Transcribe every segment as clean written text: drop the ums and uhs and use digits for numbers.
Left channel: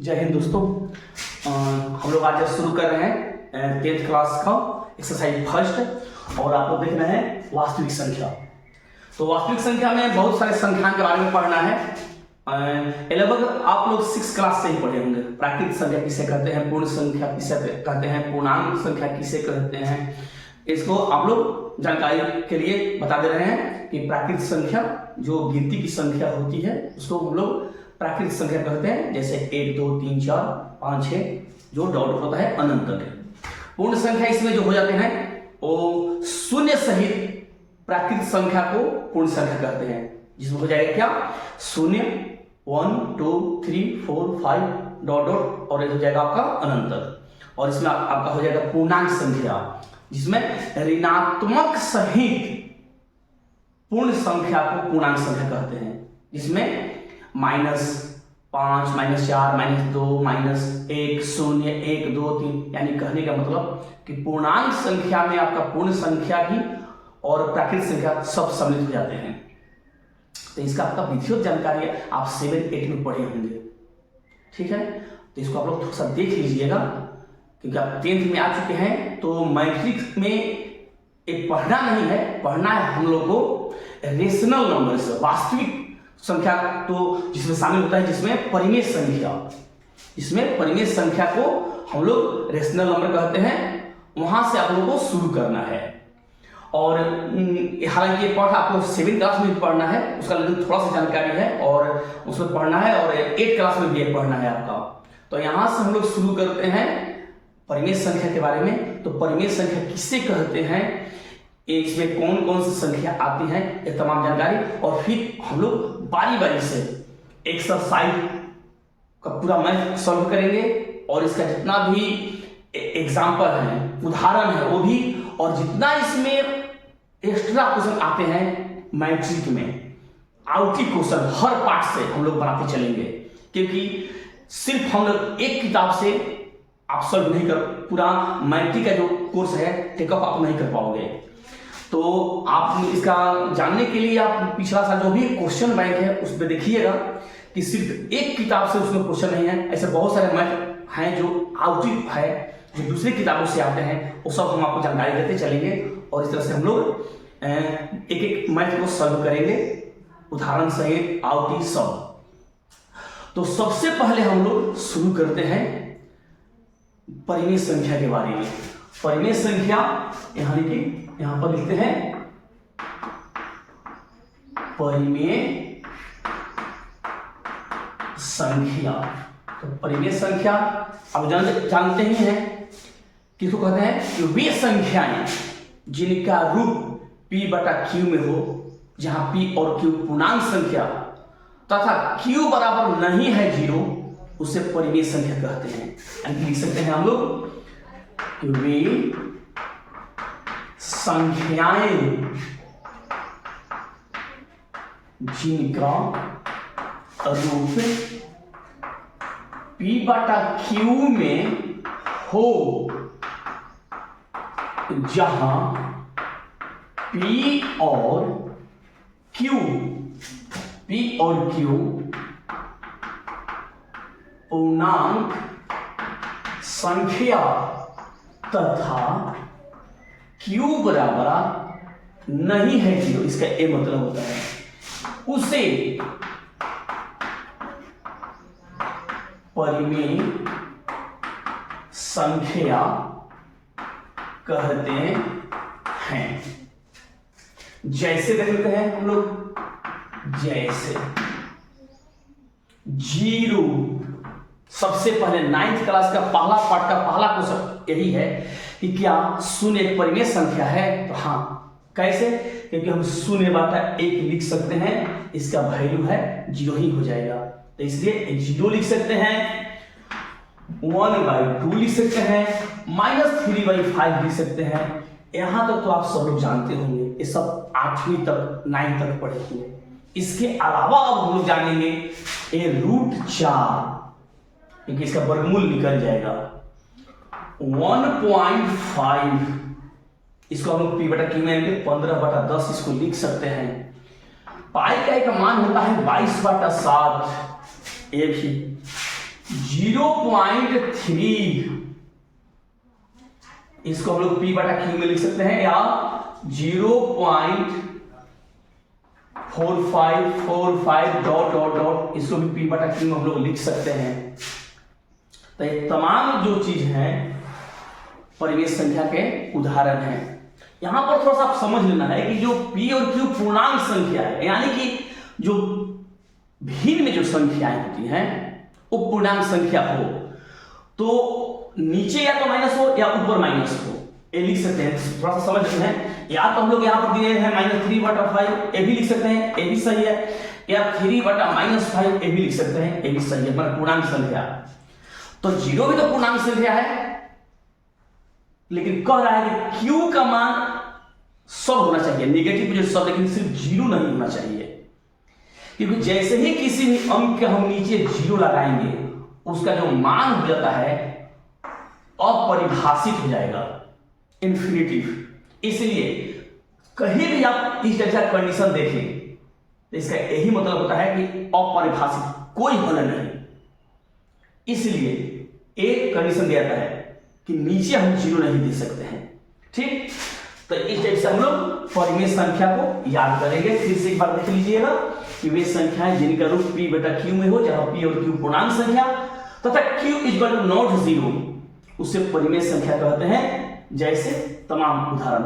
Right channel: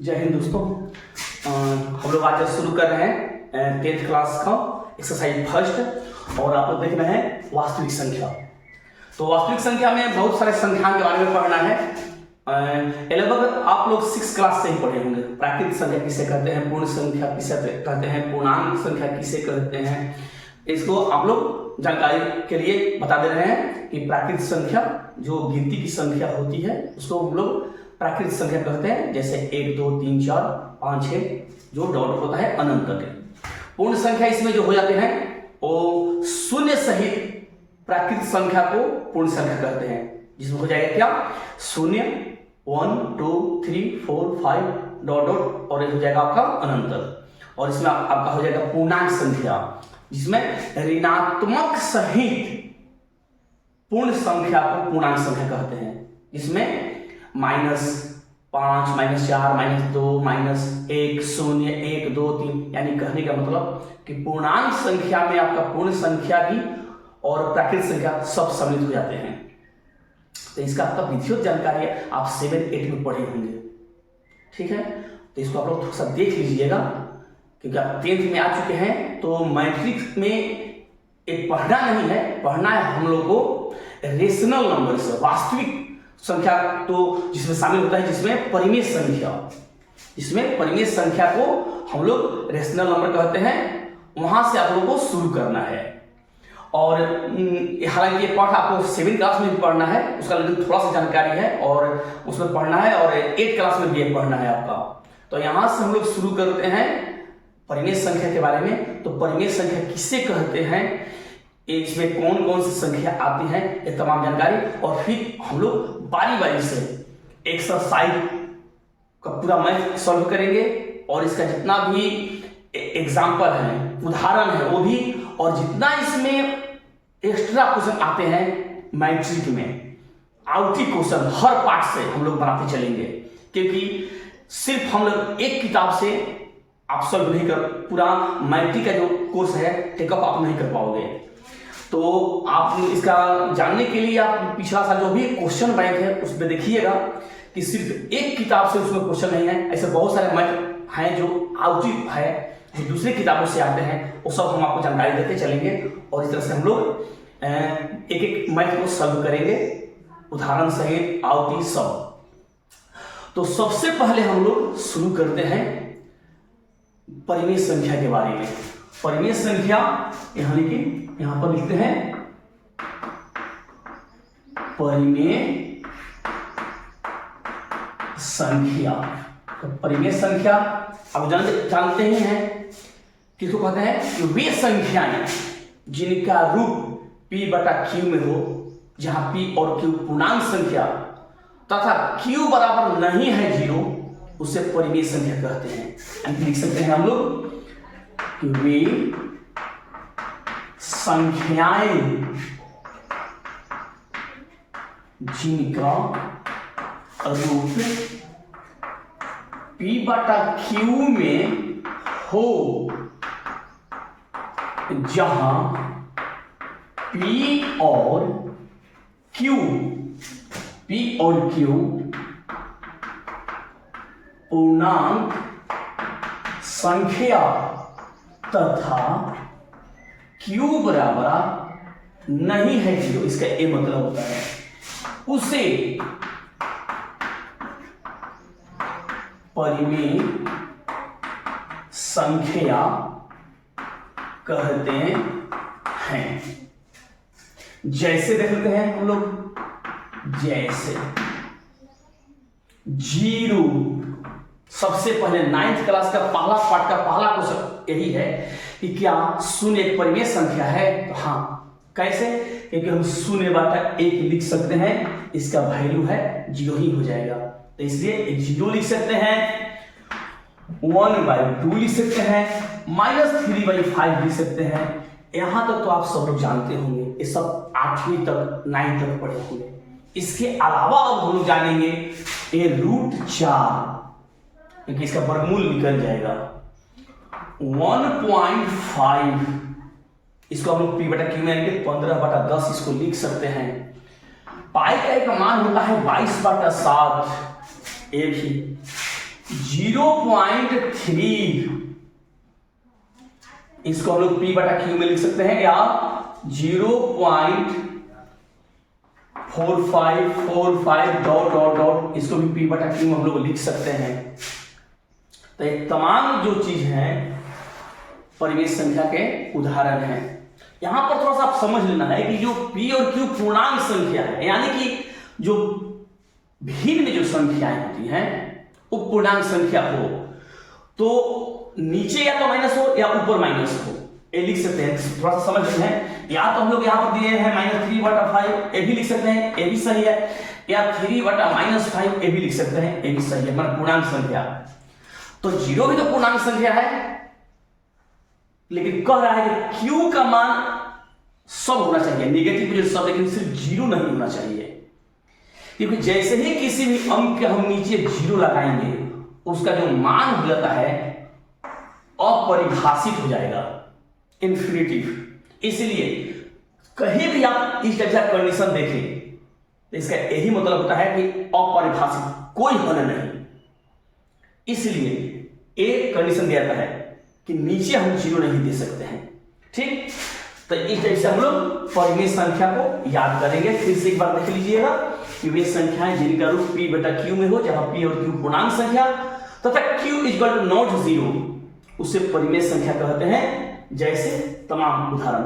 जय हिंद दोस्तों। हम लोग आज शुरू कर रहे हैं 10th क्लास का एक्सरसाइज फर्स्ट और आप लोग देख रहे हैं वास्तविक संख्या। तो वास्तविक संख्या में बहुत सारे संख्याओं के बारे में पढ़ना है। लगभग आप लोग 6th क्लास से ही पढ़े होंगे। प्राकृतिक संख्या किसे कहते हैं, पूर्ण संख्या किसे कहते हैं, पूर्णांक संख्या किसे कहते हैं, इसको आप लोग जानकारी के लिए बता दे रहे हैं कि प्राकृतिक संख्या जो गिनती की संख्या होती है उसको हम लोग प्राकृतिक संख्या कहते हैं। जैसे 1 2 3 4 5 6 जो डॉट होता है अनंत तक। पूर्ण संख्या इसमें जो हो जाते हैं वो शून्य सहित प्राकृतिक संख्या को पूर्ण संख्या कहते हैं, जिसमें हो जाएगा क्या, शून्य 1 2 3 4 5 डॉट डॉट और ये हो जाएगा आपका अनंत तक। और इसमें आपका हो जाएगा पूर्णांक संख्या, जिसमें ऋणात्मक सहित पूर्ण संख्या को पूर्णांक संख्या कहते हैं, जिसमें -5 -4 -2 -1 0 1 2 3 यानी कहने का मतलब कि पूर्णांक संख्या में आपका पूर्ण संख्या भी और प्राकृतिक संख्या सब सम्मिलित हो जाते हैं। तो इसका आपका विधिवत जानकारी आप 7 8 में पढ़े होंगे, ठीक है। तो इसको आप लोग थोड़ा सा देख लीजिएगा क्योंकि आप 10th में आ चुके हैं। तो मैट्रिक्स में एक पढ़ना नहीं है, पढ़ना है हम लोग को रेशनल नंबर से, वास्तविक संख्या तो जिसमें शामिल होता है, जिसमें परिमेय संख्या, इसमें परिमेय संख्या को हम लोग रेशनल नंबर कहते हैं, वहां से आप लोगों को शुरू करना है। और हालांकि ये पाठ आपको 7th क्लास में पढ़ना है, उसका लेकिन थोड़ा सा जानकारी है और उसमें पढ़ना है, और 8th क्लास में भी पढ़ना है आपका। तो यहां से हम लोग शुरू करते हैं परिमेय संख्या के बारे में। तो परिमेय संख्या किसे कहते हैं, इसमें कौन कौन सी संख्या आती है, ये तमाम जानकारी, और फिर हम लोग बारी बारी से एक्सरसाइज का पूरा मैथ सॉल्व करेंगे और इसका जितना भी एग्जाम्पल है, उदाहरण है वो भी, और जितना इसमें एक्स्ट्रा क्वेश्चन आते हैं मैट्रिक में, आउटी क्वेश्चन हर पार्ट से हम लोग बनाते चलेंगे, क्योंकि सिर्फ हम लोग एक किताब से आप सॉल्व नहीं कर, पूरा मैट्रिक का जो कोर्स है टेकअप आप नहीं कर पाओगे। तो आप इसका जानने के लिए आप पिछला साल जो भी क्वेश्चन बैंक है उस पर देखिएगा कि सिर्फ एक किताब से उसमें क्वेश्चन नहीं है, ऐसे बहुत सारे मैथ हैं जो आउटी है, जो दूसरी किताबों से आते हैं, वो सब हम आपको जानकारी देते चलेंगे। और इस तरह से हम लोग एक एक मैथ को सॉल्व करेंगे, उदाहरण सहित आउटी सब। तो सबसे पहले हम लोग शुरू करते हैं परिमेय संख्या के बारे में। परिमेय संख्या यहां पर लिखते हैं परिमेय संख्या। तो परिमेय संख्या आप जानते ही हैं किसको कहते हैं, कि वे संख्याएं जिनका रूप p/q में हो, जहां p और q पूर्णांक संख्या तथा q बराबर नहीं है 0, उसे परिमेय संख्या कहते हैं। लिख सकते हैं हम लोग कि वे संख्याएं जिनका रूप p/q में हो, जहां p और q पूर्णांक संख्या तथा q बराबर नहीं है 0, इसका ए मतलब होता है उसे परिमेय संख्या कहते हैं। जैसे देख लेते हैं हम लोग, जैसे 0, सबसे पहले 9th क्लास का पहला पार्ट का पहला क्वेश्चन यही है कि क्या शून्य एक परिमेय संख्या है। तो हाँ, कैसे, क्योंकि हम 0/1 लिख सकते हैं, इसका वैल्यू है 0 ही हो जाएगा, तो इसलिए 0 लिख सकते हैं, 1/2 लिख सकते हैं, -3/5 लिख सकते हैं। यहां तक तो आप सब लोग जानते होंगे, ये सब 8वीं तक 9 तक पढ़े होंगे। इसके अलावा अब हम लोग जानेंगे ये √4, क्योंकि इसका वर्गमूल निकल जाएगा 1.5, इसको हम लोग p/q में 15/10 इसको लिख सकते हैं। पाई का एक मान होता है 22/7, एक ही 0.3, इसको हम लोग P बटा Q में लिख सकते हैं, या 0.4545 डॉट डॉट डॉट, इसको भी P बटा Q में हम लोग लिख सकते हैं। तो ये तमाम जो चीज है परिमेय संख्या के उदाहरण हैं। यहां पर थोड़ा सा आप समझ लेना है कि जो P और Q पूर्णांक संख्या है, यानी कि जो भिन्न जो संख्याएं होती हैं वो पूर्णांक संख्या हो तो नीचे या तो माइनस हो या ऊपर माइनस हो, ये लिख सकते हैं। थोड़ा सा समझ लेना है, या तो हम लोग यहाँ पर दिए हैं -3/5, ये भी लिख सकते हैं, ये भी सही है, या 3/-5, ये भी लिख सकते हैं, ये भी सही है, मतलब पूर्णांक संख्या। तो 0 भी तो पूर्णांक संख्या है, लेकिन कह रहा है कि Q का मान सब होना चाहिए, नेगेटिव जो सब, लेकिन सिर्फ 0 नहीं होना चाहिए। क्योंकि जैसे ही किसी भी अंक के हम नीचे 0 लगाएंगे, उसका जो मान हो जाता है अपरिभाषित हो जाएगा, इन्फिनिटिव। इसलिए कहीं भी आप इस टाइप का कंडीशन देखें तो इसका यही मतलब होता है कि अपरिभाषित, कोई हल नहीं। इसलिए एक कंडीशन दिया जाता है कि नीचे हम 0 नहीं दे सकते हैं। ठीक, तो इस टाइप से हम लोग परिमेय संख्या को याद करेंगे। फिर से एक बार देख लीजिएगा कि वे संख्याएं जिनका रूप P बटा Q में हो, जहां P और Q पूर्णांक संख्या तथा Q = नॉट 0, उसे परिमेय संख्या कहते हैं। जैसे तमाम उदाहरण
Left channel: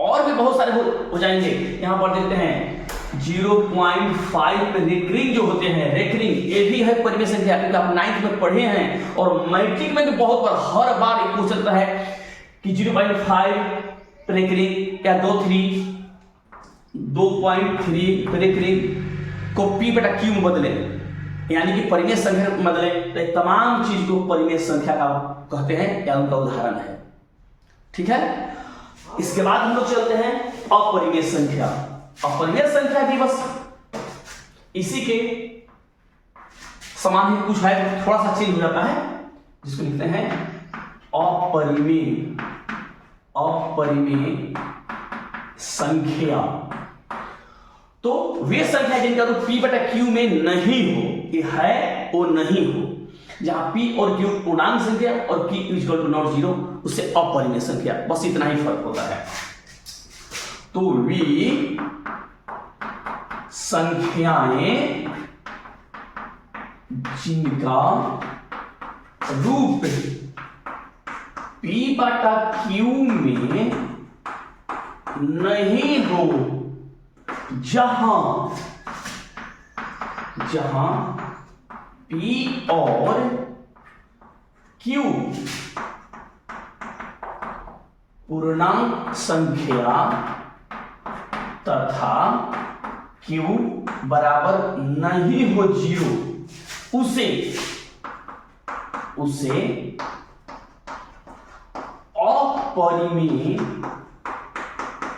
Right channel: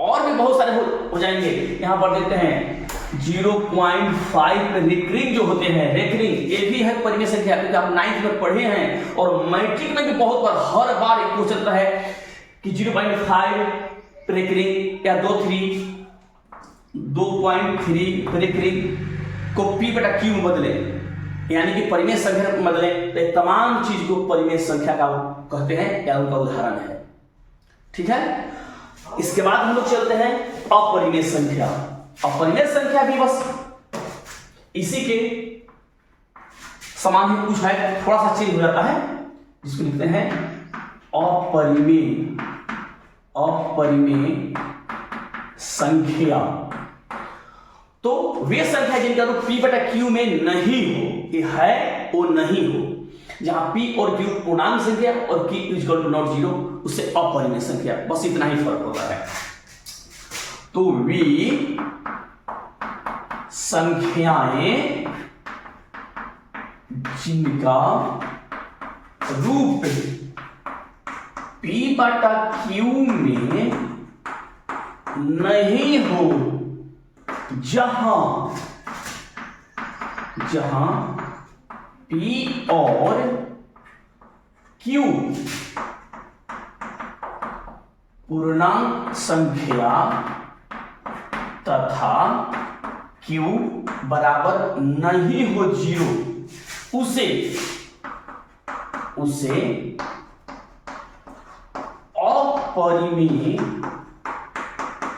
और भी बहुत सारे हो जाएंगे। यहां पर देखते हैं 0.5 रेकरिंग जो होते हैं, रेकरिंग ये भी है परिमेय संख्या, क्योंकि आप 9th में पढ़े हैं और मैट्रिक में भी बहुत बार हर बार एक क्वेश्चन चलता है कि 0.5 रेकरिंग या 2.3 रेकरिंग को P बटा Q में बदले, यानी कि परिमेय संख्या में बदले। तो तमाम चीज को परिमेय संख्या का कहते हैं या उनका उदाहरण है। ठीक है, इसके बाद हम लोग चलते हैं अपरिमेय संख्या। अपरिमेय संख्या भी बस इसी के समान ही कुछ है, थोड़ा सा चेंज हो जाता है, जिसको लिखते हैं अपरिमेय संख्या। तो वे संख्या जिनका रूप P बटा Q में नहीं हो, ये है वो नहीं हो, जहां P और Q पूर्णांक संख्या और Q = नॉट 0, उससे अपरिमेय संख्या, बस इतना ही फर्क होता है। तो वे संख्याएं जिनका रूप P बटा Q में नहीं हो, जहां P और Q पूर्णांक संख्या तथा Q बराबर नहीं हो 0, उसे अपरिमेय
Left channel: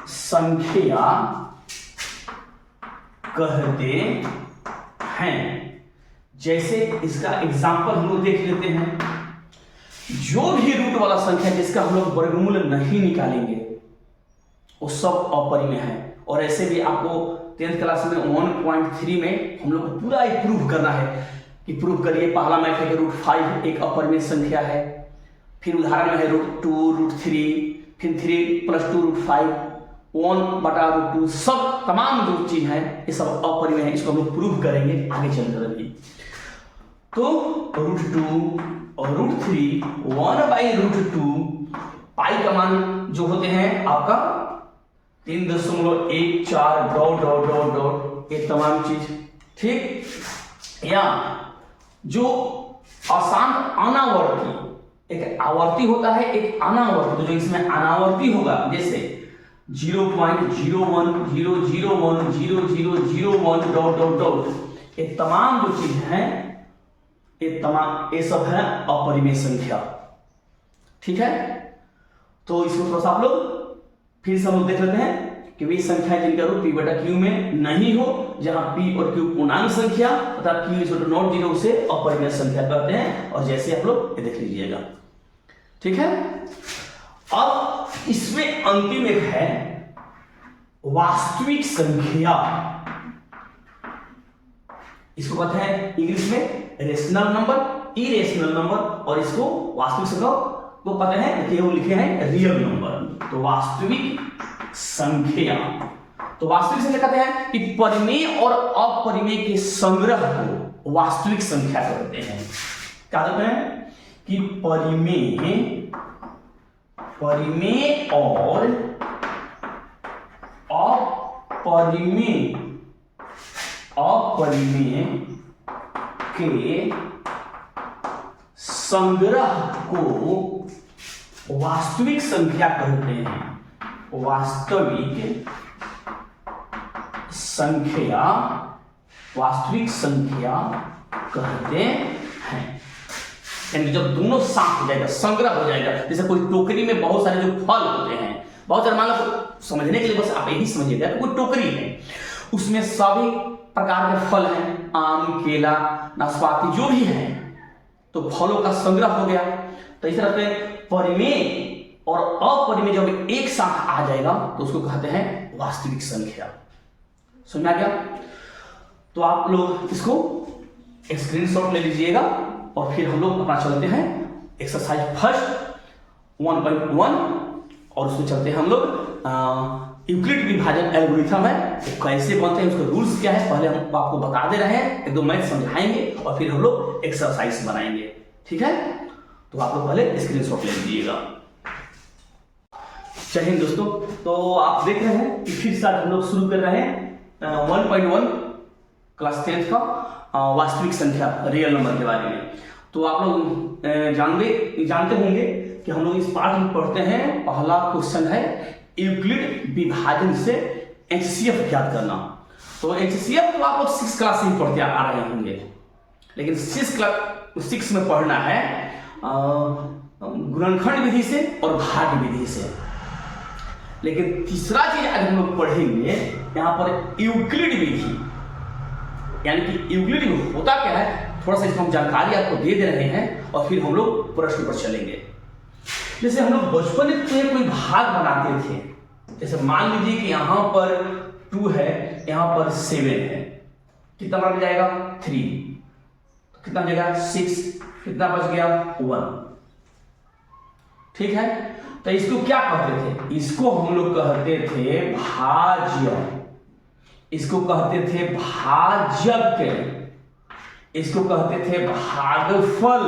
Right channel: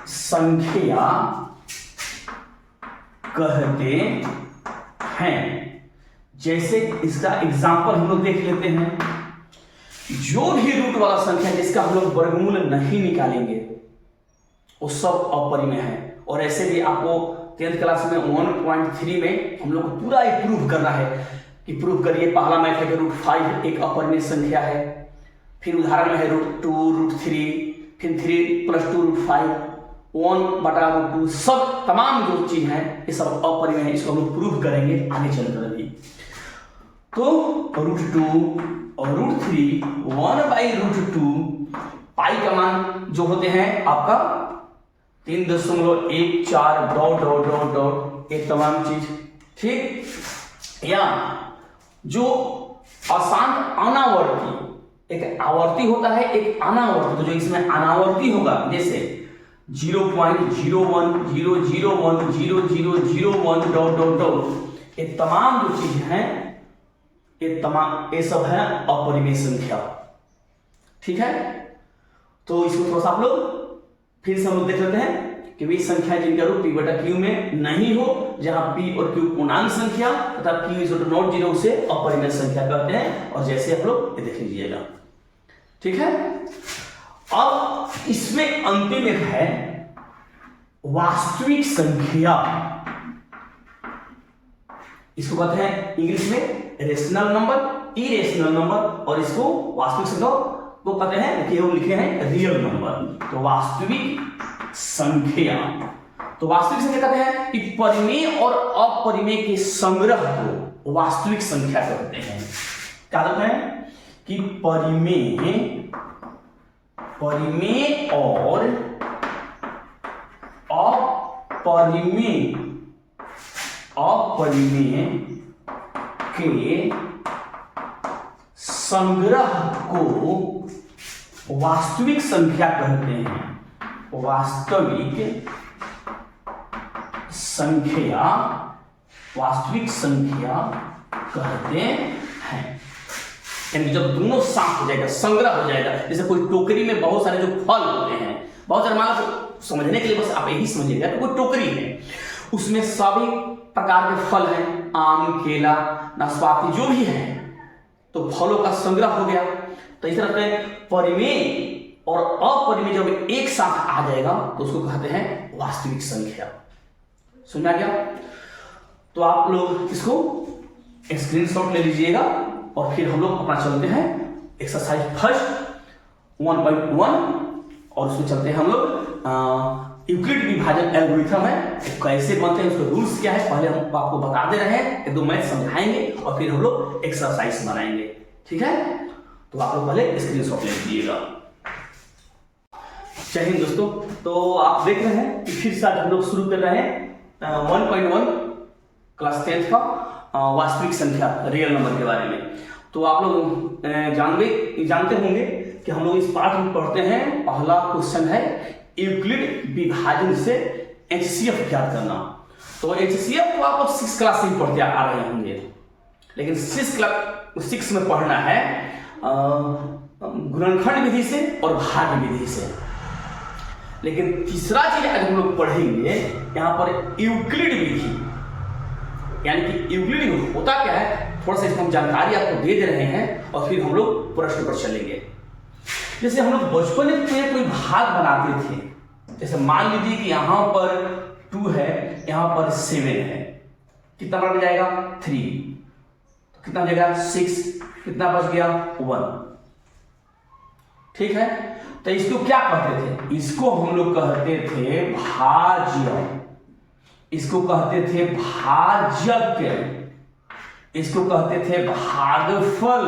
संख्या कहते हैं। जैसे इसका एग्जांपल हम लोग देख लेते हैं। जो भी रूट वाला संख्या जिसका हम लोग वर्गमूल नहीं निकालेंगे वो सब अपरिमेय है। और ऐसे भी आपको 10th क्लास में 1.3 में हम लोग को पूरा एक प्रूफ करना है कि प्रूफ करिए। पहला मैथ है कि √5 एक अपरिमेय संख्या है, फिर उदाहरण में है √2, √3, फिर 3 + 2 √5, 1/√2, सब तमाम जो चीज है ये सब अपरिमेय है। इसको हम लोग प्रूफ करेंगे आगे चलकर अभी। तो √2 और √3, 1/√2, पाई का मान जो होते हैं आपका 3.14 डॉट डॉट डॉट डॉट, ये तमाम चीज। ठीक, या जो अशांत अनावर्ती, एक आवर्ती होता है, एक अनावर्ती। तो जो इसमें अनावर्ती होगा, जैसे 0.010010001 डॉट डॉट डॉट, ये तमाम जो चीज हैं ये सब है अपरिमेय संख्या। ठीक है, तो इसमें थोड़ा सा आप लोग फिर से हम लोग देख लेते हैं कि वे संख्या जिनका रूप P बटा Q में नहीं हो, जहां P और Q पूर्णांक संख्या तथा Q = नॉट 0 से अपरिमेय संख्या कहते हैं। और जैसे आप लोग ये देख लीजिएगा। ठीक है, अब इसमें अंतिम एक है वास्तविक संख्या। इसको कहते हैं इंग्लिश में रेशनल नंबर इरेशनल नंबर, और इसको वास्तविक संख्या को कहते हैं, लिखे हैं रियल नंबर। तो वास्तविक संख्या, तो वास्तविक संख्या कहते हैं कि परिमेय और अपरिमेय के संग्रह को वास्तविक संख्या कहते हैं। क्या कहते हैं कि परिमेय और अपरिमेय के संग्रह को वास्तविक संख्या कहते हैं। वास्तविक संख्या कहते हैं। यानी जब दोनों साथ हो जाएगा, संग्रह हो जाएगा, जैसे कोई टोकरी में बहुत सारे जो फल होते हैं, बहुत सारे, मान लो समझने के लिए बस आप यही समझिएगा कि कोई टोकरी है, उसमें सभी प्रकार के फल हैं, आम, केला, नाशपाती, जो भी है, तो फलों का संग्रह हो गया। तो इस तरह से परिमेय और अपरिमेय जब एक साथ आ जाएगा तो उसको कहते हैं वास्तविक संख्या। समझ आ गया? तो आप लोग इसको एक स्क्रीनशॉट ले लीजिएगा और फिर हम लोग अपना चलते हैं एक्सरसाइज फर्स्ट 1.1 और उसमें चलते हैं हम लोग यूक्लिड विभाजन एल्गोरिथम है, कैसे बनते हैं, उसके रूल्स क्या है, पहले हम आपको बता दे रहे हैं, एक दो मैथ समझाएंगे और फिर हम लोग एक्सरसाइज बनाएंगे। ठीक है, तो आप लोग पहले स्क्रीनशॉट ले लीजिएगा। चलिए दोस्तों, तो आप देख रहे हैं कि फिर से हम लोग शुरू कर रहे हैं 1.1 क्लास 10 का वास्तविक संख्या रियल नंबर के बारे में। तो आप लोग जानते होंगे कि हम लोग इस पाठ में पढ़ते हैं, पहला क्वेश्चन है यूक्लिड विभाजन से एचसीएफ ज्ञात करना। तो एचसीएफ को आप लोग 6 क्लास से ही पढ़ते आ रहे होंगे, लेकिन 6 में पढ़ना है गुणनखंड विधि से और भाग विधि से। लेकिन तीसरा चीज आज हम लोग पढ़ेंगे यहां पर यूक्लिड विधि, यानी कि यूक्लिड होता क्या है, थोड़ा सा हम जानकारी आपको दे रहे हैं और फिर हम लोग प्रश्न पर चलेंगे। जैसे हम लोग बचपन में कोई भाग बनाते थे, जैसे मान लीजिए कि यहां पर 2 है, यहां पर 7 है, कितना बच जाएगा 3, तो कितना बचेगा 6, कितना बच गया 1। ठीक है, तो इसको क्या कहते थे, इसको हम लोग कहते थे भाज्य, इसको कहते थे भाजक, इसको कहते थे भागफल,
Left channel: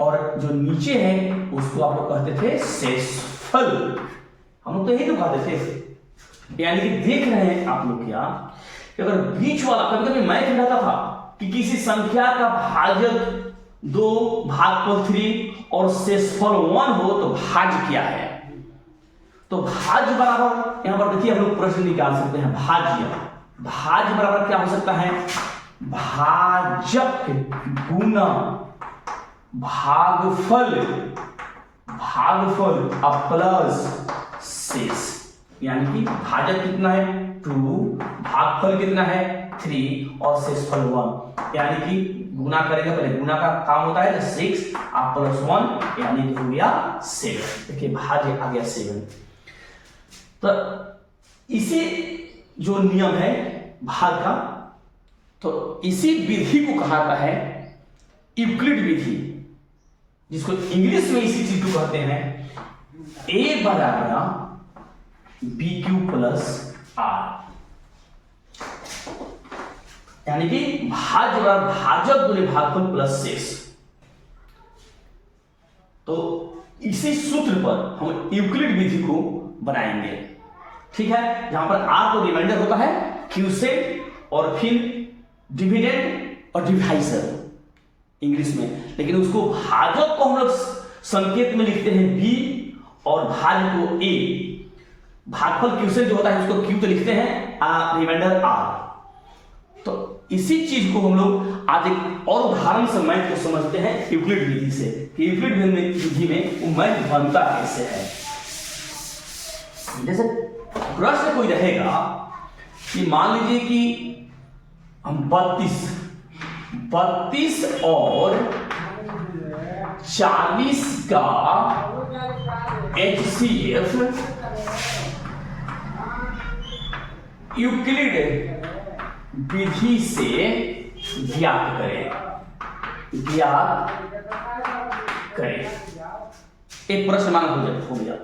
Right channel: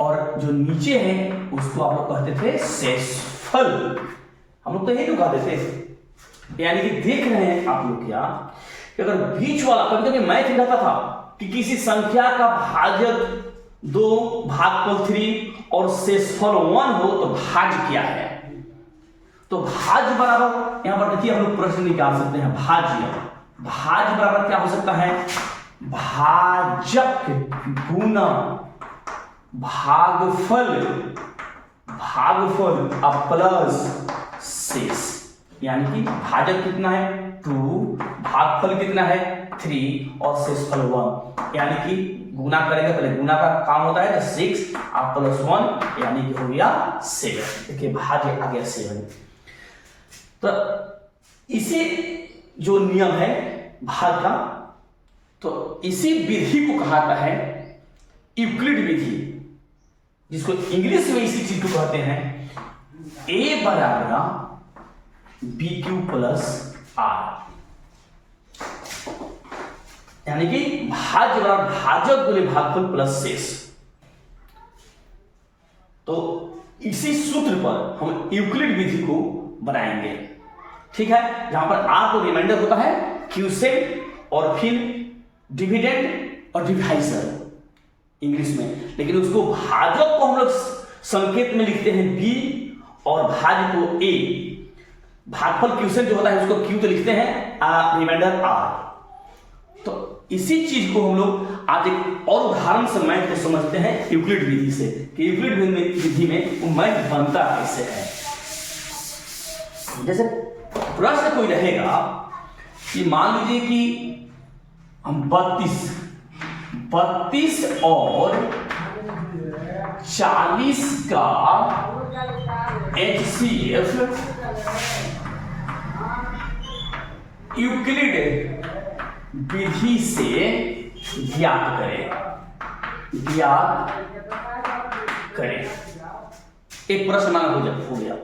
और जो नीचे है उसको आप लोग कहते थे शेषफल। हम लोग तो यही तो कहते थे। यानी कि देख रहे हैं आप लोग क्या कि अगर बीच वाला, कभी कभी मैथ में रहता था कि किसी संख्या का भाजक 2 भागफल 3 और शेषफल 1 हो तो भाज्य क्या है। तो भाज्य बराबर, यहां पर देखिए हम लोग प्रश्न निकाल सकते हैं, भाज्य बराबर क्या हो सकता है, भाजक गुना भागफल अब प्लस शेष। यानी कि भाजक कितना है 2, भागफल कितना है 3 और शेषफल 1। यानी कि गुना करेंगे, पहले गुना का काम होता है 6 आप प्लस 1, यानी कि हो गया 7। देखिए भाज्य आ गया 7। तो इसी जो नियम है भाग का, तो इसी विधि को कहा है यूक्लिड विधि, जिसको इंग्लिश में इसी चीज को कहते हैं A बराबर BQ प्लस R। यानी कि भाज्य बराबर भाजक गुने भागफल प्लस शेष। तो इसी सूत्र पर हम यूक्लिड विधि को बनाएंगे। ठीक है, जहां पर R को रिमाइंडर होता है, Q से, और फिर डिविडेंड और डिवाइजर इंग्लिश में, लेकिन उसको भाजक को हम लोग संकेत में लिखते हैं B और भाज्य को A। भागफल क्वेश्चन जो होता है उसको Q तो लिखते हैं, रिमाइंडर R। तो इसी चीज को हम लोग आज एक और उदाहरण से मैथ को समझते हैं यूक्लिड विधि से, कि यूक्लिड विधि में वो मैथ बनता कैसे है। जैसे प्रश्न कोई रहेगा कि मान लीजिए कि हम 32 और 40 का HCF यूक्लिड विधि से ज्ञात करें। ज्ञात करें। एक प्रश्न माना हो गया।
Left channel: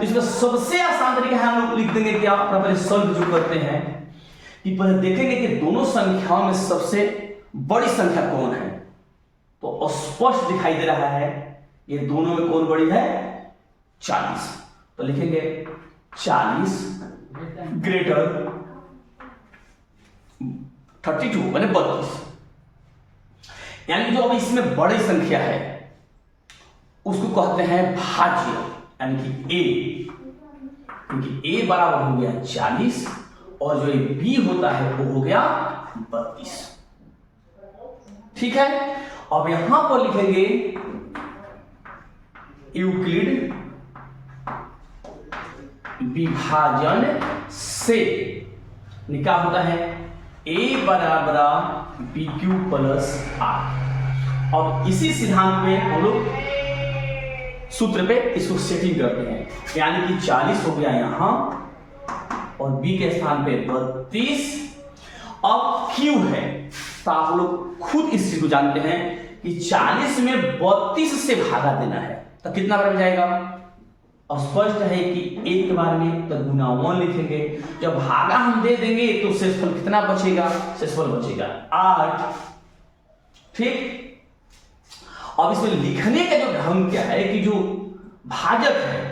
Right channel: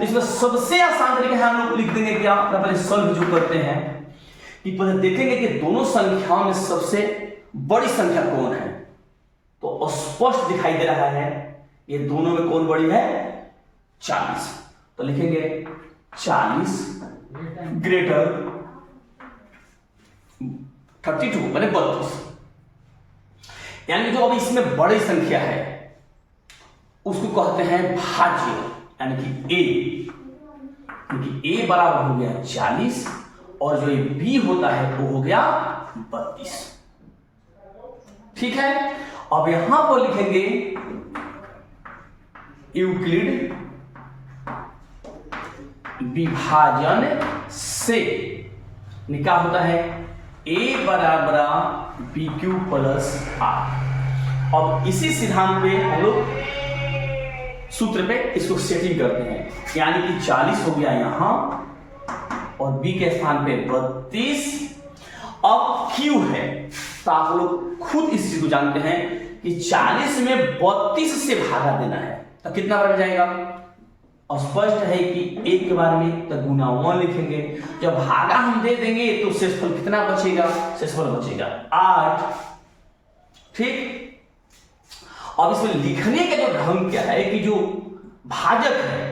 इसमें सबसे आसान तरीका है, हम लोग लिख देंगे क्या, पहले सॉल्व जो करते हैं कि पहले देखेंगे कि दोनों संख्याओं में सबसे बड़ी संख्या कौन है। तो स्पष्ट दिखाई दे रहा है ये दोनों में कौन बड़ी है, 40। तो लिखेंगे 40 ग्रेटर 32 माने 32। यानी जो अब इसमें बड़ी संख्या है उसको कहते हैं भाज्य, यानी कि ए, क्योंकि ए बराबर हो गया 40 और जो बी होता है वो हो गया 32। ठीक है, अब यहां पर लिखेंगे यूक्लिड विभाजन से क्या होता है, a बराबर बी क्यू प्लस आर। अब इसी सिद्धांत पे हम लोग सूत्र पे इसको सेटिंग करते हैं, यानी कि 40 हो गया यहां और b के स्थान पे 32। अब q है, तो आप लोग खुद इस चीज को जानते हैं कि 40 में 32 से भागा देना है, तो कितना बन जाएगा। और स्पष्ट है कि एक के बारे में तो गुना 1 लिखेंगे, जब भागा हम दे देंगे तो शेषफल कितना बचेगा, शेषफल बचेगा 8। ठीक, अब इसमें लिखने का जो ढंग क्या है कि जो भाजक है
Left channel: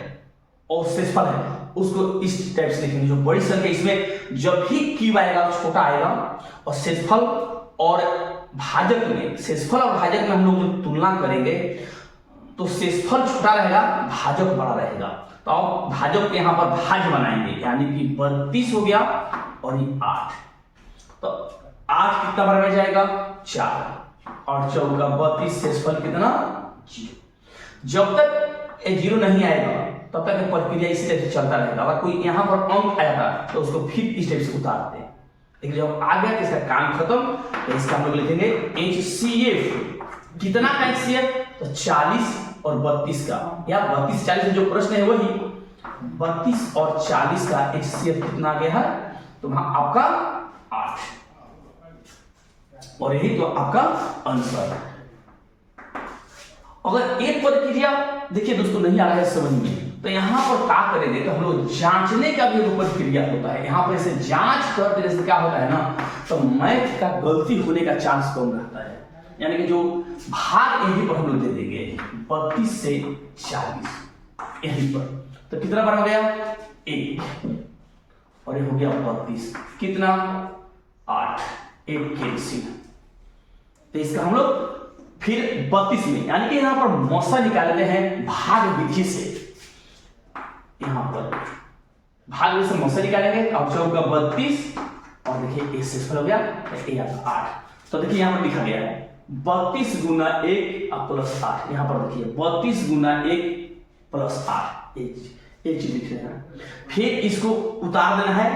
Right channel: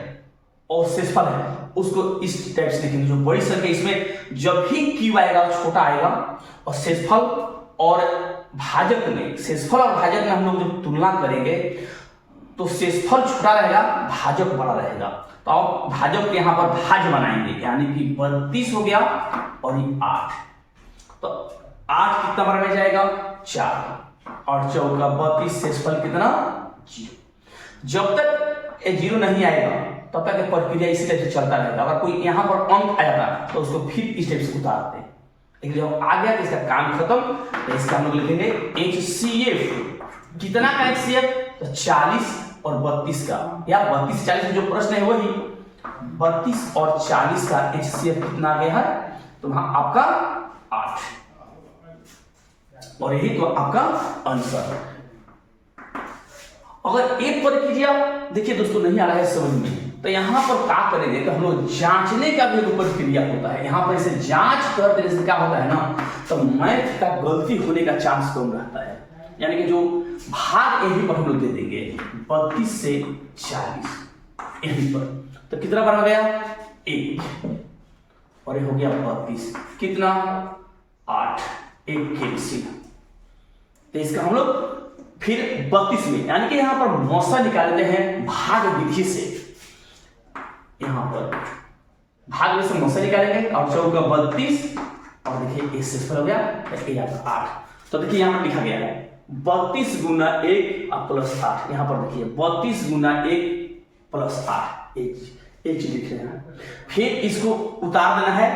और शेषफल है उसको इस टाइप से लिखेंगे। जो बड़ी संख्या इसमें जब भी क्यू आएगा छोटा आएगा, और शेषफल और भाजक में, शेषफल और भाजक में हम लोग जब तुलना करेंगे तो शेषफल छोटा रहेगा, भाजक बड़ा रहेगा। तो अब भाजक यहाँ पर भाज्य बनाएंगे, यानी कि 32 हो गया और ये 8। तो 8 कितना बड़ा रह जाएगा, 4 और 4 का 32, शेषफल कितना 0। जब तक ये 0 नहीं आएगा तब तक ये प्रक्रिया इसी तरह से चलता रहेगा। अगर कोई यहाँ पर अंक आया था तो उसको फिर इस टाइप से उतारते हैं, लेकिन जब आ गया तो इसका काम खत्म। तो इसका हम लोग लिखेंगे HCF। कितना का HCF, तो 40 और 32 का, या 32 40 में जो प्रश्न है वही 32 और 40 का HCF कितना आ गया है, तो वहां आपका 8, और यही तो आपका आंसर। अगर एक प्रक्रिया देखिए दोस्तों नहीं आ रहा है समझ में, तो यहां पर क्या करेंगे कि हम लोग जांचने का भी एक प्रक्रिया होता है। यहां पर इसे जांच कर देने से क्या होता है ना, तो मैथ का गलती होने का चांस कम रहता है। यानी कि जो भाग यहीं पर हम लोग दे देंगे 32 से 40 यहीं पर, तो कितना बन गया 1 और ये हो गया 32, कितना 8, 1 कैंसिल। तो इसका हम लोग फिर 32 में, यानी कि यहां पर मौसा निकालते हैं भाग विधि से। यहां पर भाग विधि से मौसा निकालेंगे और 4 का 32 और देखिए 1 शेषफल हो गया, तो 8। तो देखिए यहां पर लिखा गया है 32 गुना 1 प्लस 8। यहां पर देखिए 32 गुना 1 प्लस 8, एक चीज लिख रहे हैं। फिर इसको उतार देना है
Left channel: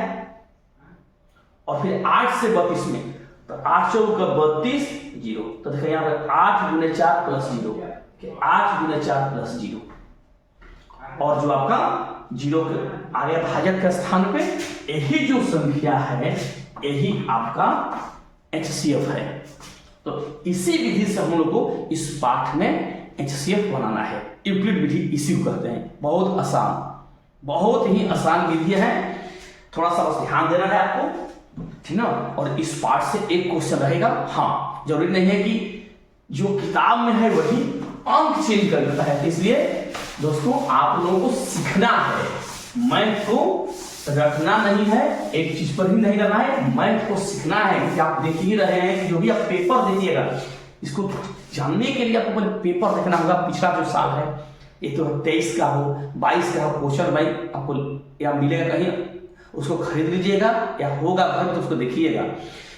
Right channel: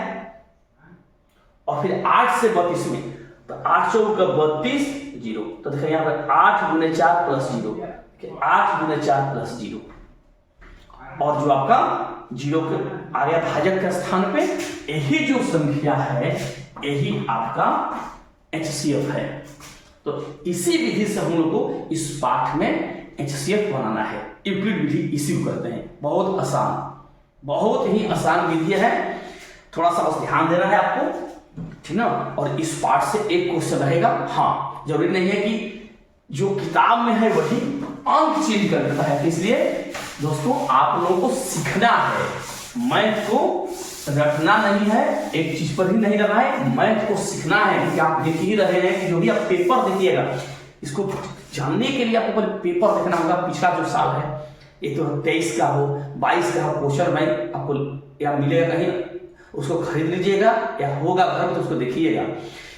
और फिर 8 से 32 में, तो 8 चौक का 32 0। तो देखिए यहाँ पर 8 गुने 4 प्लस 0, 8 गुने 4 प्लस 0, और जो आपका 0 के आ गया भाजक के स्थान पे, यही जो संख्या है यही आपका HCF है। तो इसी विधि से हम लोग को इस पाठ में HCF बनाना है। यूक्लिड विधि इसी को करते हैं, बहुत आसान, बहुत ही आसान विधि है। थोड़ा सा बस ध्यान देना है आपको, ठीक ना। और इस पाठ से एक क्वेश्चन रहेगा। हाँ, जरूरी नहीं है कि जो किताब में है वही अंक चेंज कर देता है, इसलिए दोस्तों आप लोगों को सीखना है, मैथ को रटना नहीं है, एक चीज पर ही नहीं रहना है, मैथ को सीखना है। क्योंकि आप देख ही रहे हैं कि जो भी आप पेपर देखिएगा, इसको जानने के लिए आपको पहले पेपर देखना होगा। पिछला जो साल है, एक तो 23 का हो, 22 का हो, क्वेश्चन भाई आपको या मिलेगा कहीं, उसको खरीद लीजिएगा, या होगा घर में तो उसको देखिएगा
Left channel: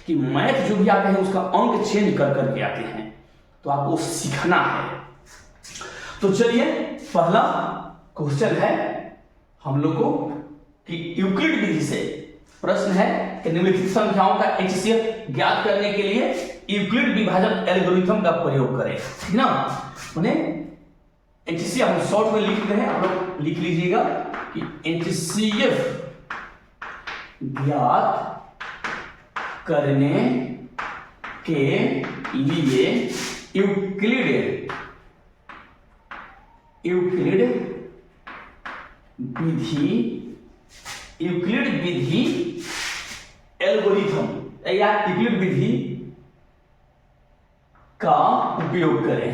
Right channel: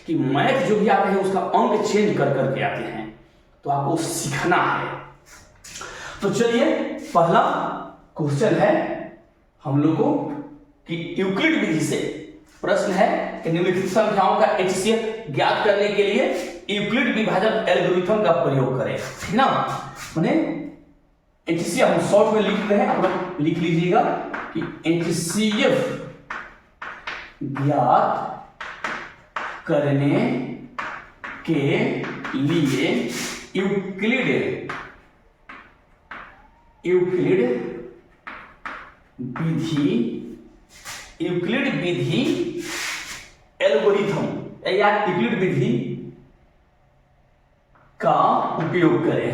कि मैथ जो भी आते हैं उसका अंक चेंज कर करके आते हैं, तो आपको सीखना है। तो चलिए पहला क्वेश्चन है हम लोग को कि यूक्लिड विधि से प्रश्न है कि निम्नलिखित संख्याओं का HCF ज्ञात करने के लिए यूक्लिड विभाजन एल्गोरिथम का प्रयोग करें, ठीक ना। माने HCF हम शॉर्ट में लिख रहे हैं, आप लोग लिख लीजिएगा कि HCF ज्ञात करने के लिए यूक्लिड विधि एल्गोरिथम या यूक्लिड विधि का उपयोग करें।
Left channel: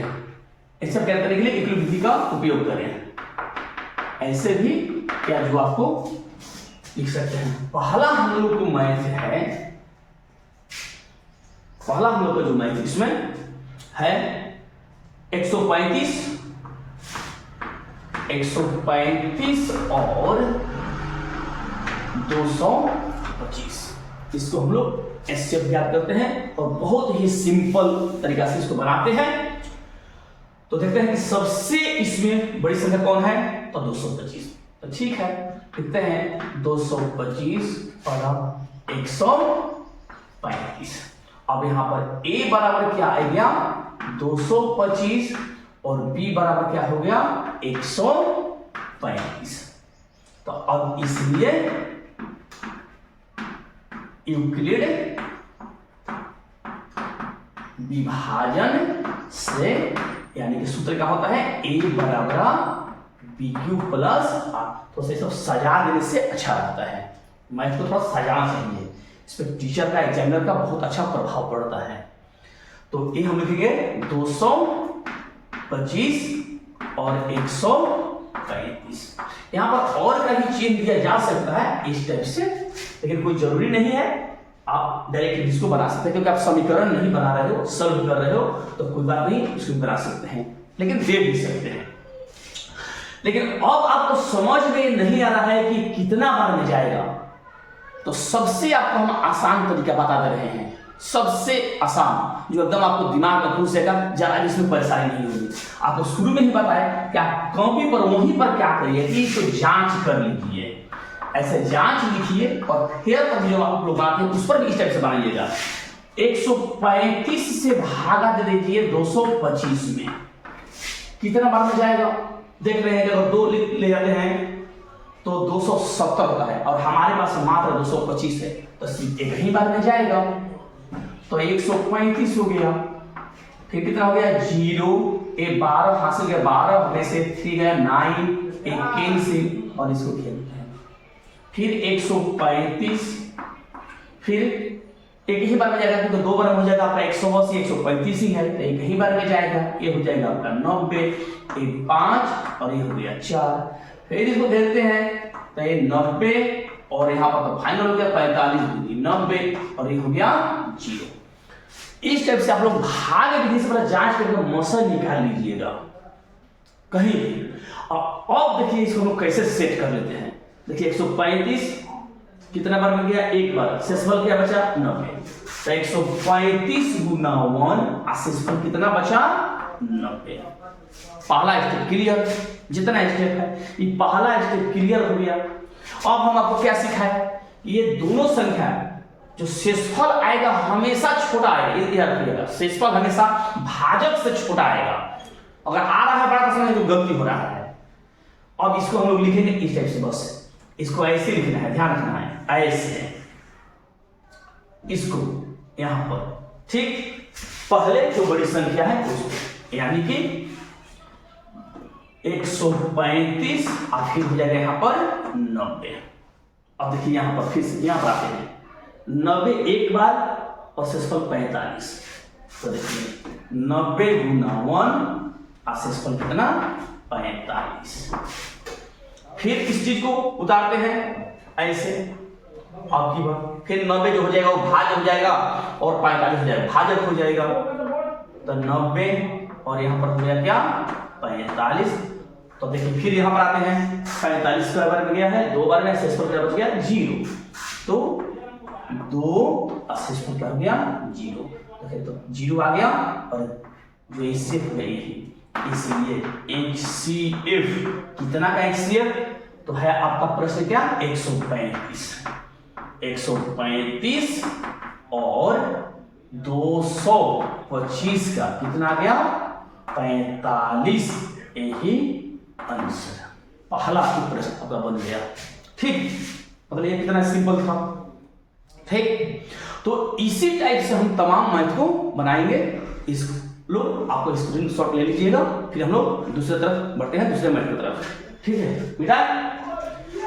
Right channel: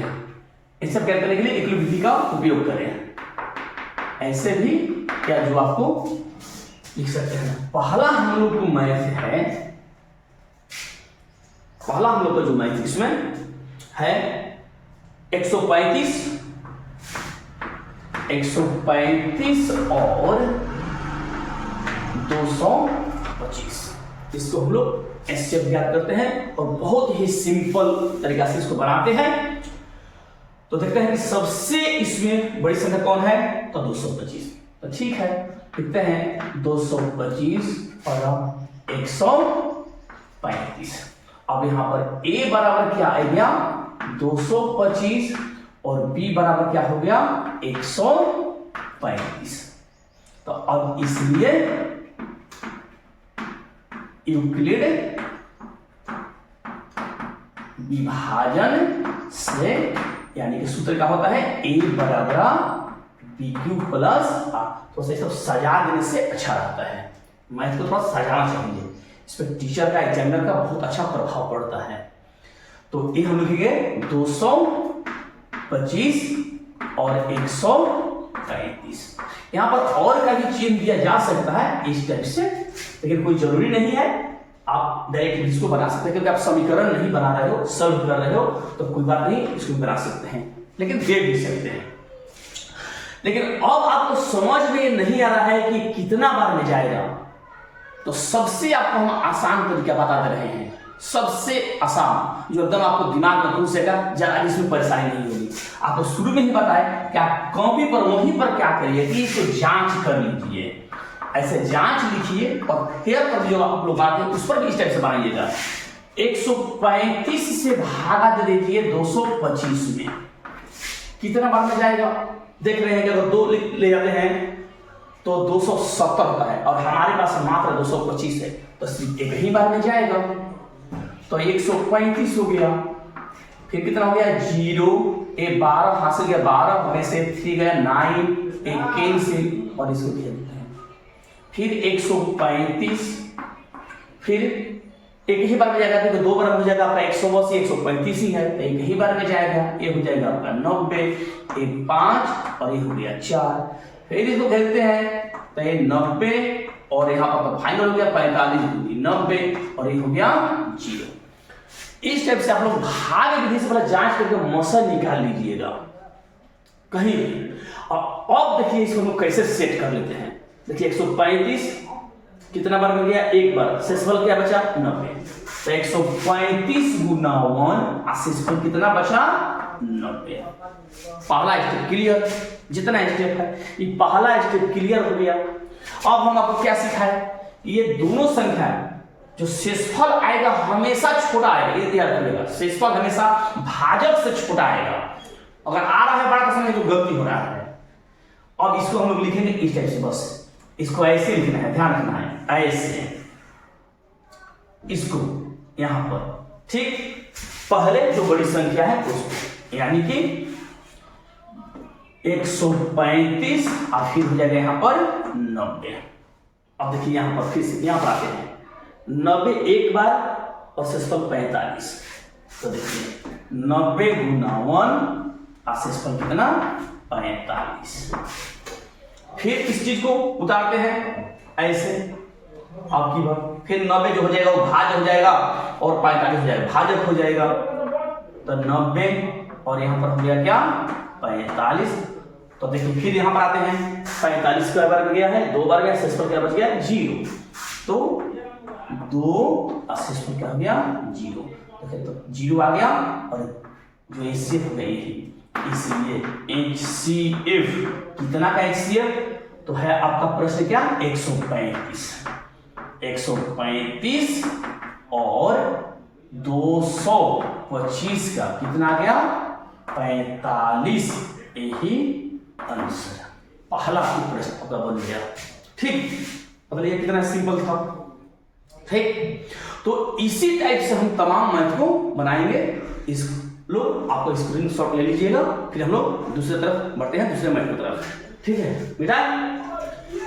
इस सब क्या करने के लिए यूक्लिड विधि का उपयोग करें। ऐसे भी क्या जो आपको लिख सकते हैं। पहला हम लोग को मैथ है, पहला हम लोग का जो मैथ इसमें है 135 और 225। इसको हम लोग एससीएफ ज्ञात करते हैं और बहुत ही सिंपल तरीका से इसको बनाते हैं। तो देखते हैं कि सबसे इसमें बड़ी संख्या कौन है, तो 225। तो ठीक है, लिखते हैं 225 और 135। अब यहां पर a बराबर क्या आ गया 225 और b बराबर क्या हो गया 135। तो अब इसलिए यूक्लिड विभाजन से यानी कि सूत्र क्या होता है a बराबर BQ प्लस आ। तो सब सजा देने से अच्छा रहता है। मैथ को थोड़ा सजाना चाहिए, इस पर टीचर का एग्जामिनर का बहुत अच्छा प्रभाव पड़ता है। तो ये हम लिखेंगे 225 और 135। यहां पर और का भी चिन्ह दिया जा सकता है इस टाइप से, लेकिन कोई जरूरी नहीं है। आप डायरेक्ट इसको बना सकते हैं, क्योंकि आप समीकरण नहीं बना रहे हो, सॉल्व कर रहे हो, तो कोई बात नहीं, इसको बना सकते हैं, लेकिन दे भी सकते हैं। लेकिन अब आपको समझ में नहीं आ रहा है कि कितना बार में जाएगा, तो सबसे आपको हम आसान तरीका बता दे रहे हैं। सबसे आसान जो एकदम आपको दिमाग में घुसेगा, ज्यादा इसमें परेशानी नहीं होगी। आपको शुरू में ही बताया कि आप कॉपी पर वहीं पर क्या करिए कि तो जांच कर लीजिए, ऐसे जांच लिखिए और फिर पर जो आप लोग बात है उस पर भी इस टाइप से बनाइएगा। 135 से भागा दे दीजिए 225 में, कितना बार में जाएगा देख रहे हैं कि अगर 2 ले जाते हैं तो 270 होता है और हमारे पास मात्र 225 है, तो सिर्फ एक ही बार में जाएगा। तो 135 हो गया, फिर कितना हो गया 0, ये 12 हासिल गया, 12 में से 3 गया 9, एक कैंसिल और इसको खेलते हैं। फिर 135, फिर एक ही बार में जाएगा, क्योंकि 2 बार हो जाएगा आपका 180, 135 ही है, तो एक ही बार में जाएगा। ये हो जाएगा आपका 90, ये 5 और ये हो गया 4। फिर इसको खेलते हैं तो ये 90 और यहाँ पर तो फाइनल हो गया 45, 90 और ये हो गया 0। इस टाइप से आप लोग भाग विधि से पहले जांच करके मौसम निकाल लीजिएगा कहीं। अब देखिए इसको हम लोग कैसे सेट कर लेते हैं। देखिए 135 कितना बार मिल गया, एक बार, शेषफल क्या बचा 90। तो 135 गुना 1 शेषफल कितना बचा 90। पहला स्टेप क्लियर, जितना स्टेप है ये पहला स्टेप क्लियर हो गया। अब हम आपको क्या सिखाए, ये दोनों संख्या जो शेषफल आएगा हमेशा छोटा आएगा, ये याद रखिएगा, शेषफल हमेशा भाजक से छोटा आएगा। अगर आ रहा है बड़ा तो समझ लो गलती हो रहा है। अब इसको हम लोग लिखेंगे इस टाइप से, बस इसको ऐसे लिखना है, ध्यान रखना है, ऐसे इसको यहां पर, ठीक। पहले जो बड़ी संख्या है उसको, यानी कि 135 और फिर हो जाएगा यहां पर 90। अब देखिए यहां पर फिर से यहां पर आते हैं 90 एक बार और शेषफल 45। तो देखिए 90 गुना 1 और शेषफल कितना 45। फिर इस चीज को उतारते हैं ऐसे, आपकी बात। फिर 90 जो हो जाएगा वो भाजक हो जाएगा और 45 हो जाएगा, भाजक हो जाएगा। तो 90 और यहां पर हो गया क्या 45। तो देखिए फिर यहां पर आते हैं 45 का बार में गया है, 2 बार गया, शेषफल क्या बच गया 0। तो 2 शेषफल क्या हो गया 0। देखिए तो 0 आ गया और जो HCF हो गई, इसलिए HCF कितना का HCF तो है आपका प्रश्न क्या 135 और 225 का कितना आ गया 45। यही आंसर पहला प्रश्न आपका बन गया, ठीक। मतलब ये कितना सिंपल था, ठीक। तो इसी टाइप से हम तमाम मैथ को बनाएंगे। इस लो आपको स्क्रीनशॉट ले लीजिएगा, फिर हम लोग दूसरी तरफ बढ़ते हैं, दूसरे मैथ की तरफ। ठीक है, मिटा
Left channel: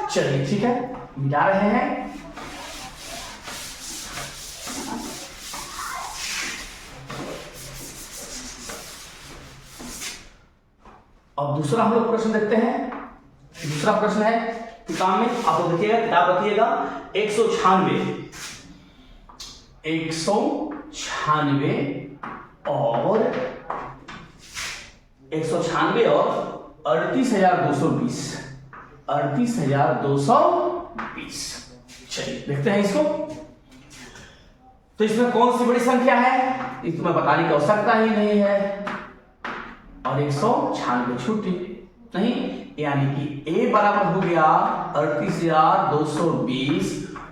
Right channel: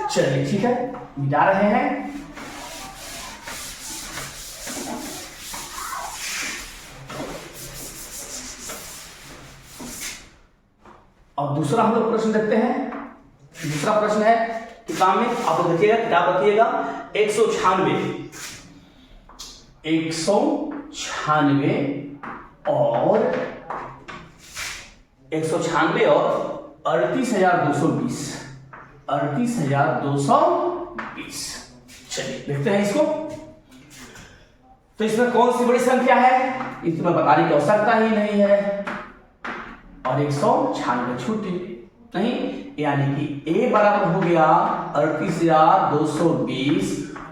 चलिए, ठीक है, मिटा रहे हैं। और दूसरा हम लोग प्रश्न देखते हैं। दूसरा प्रश्न है किताब में, आप लोग देखिएगा, किताब रखिएगा। 196 और 38,220 38,220। चलिए देखते हैं इसको। तो इसमें कौन सी बड़ी संख्या है, इसमें बताने की आवश्यकता ही नहीं है, और 196 छोटी नहीं, यानी कि a बराबर हो गया 38,220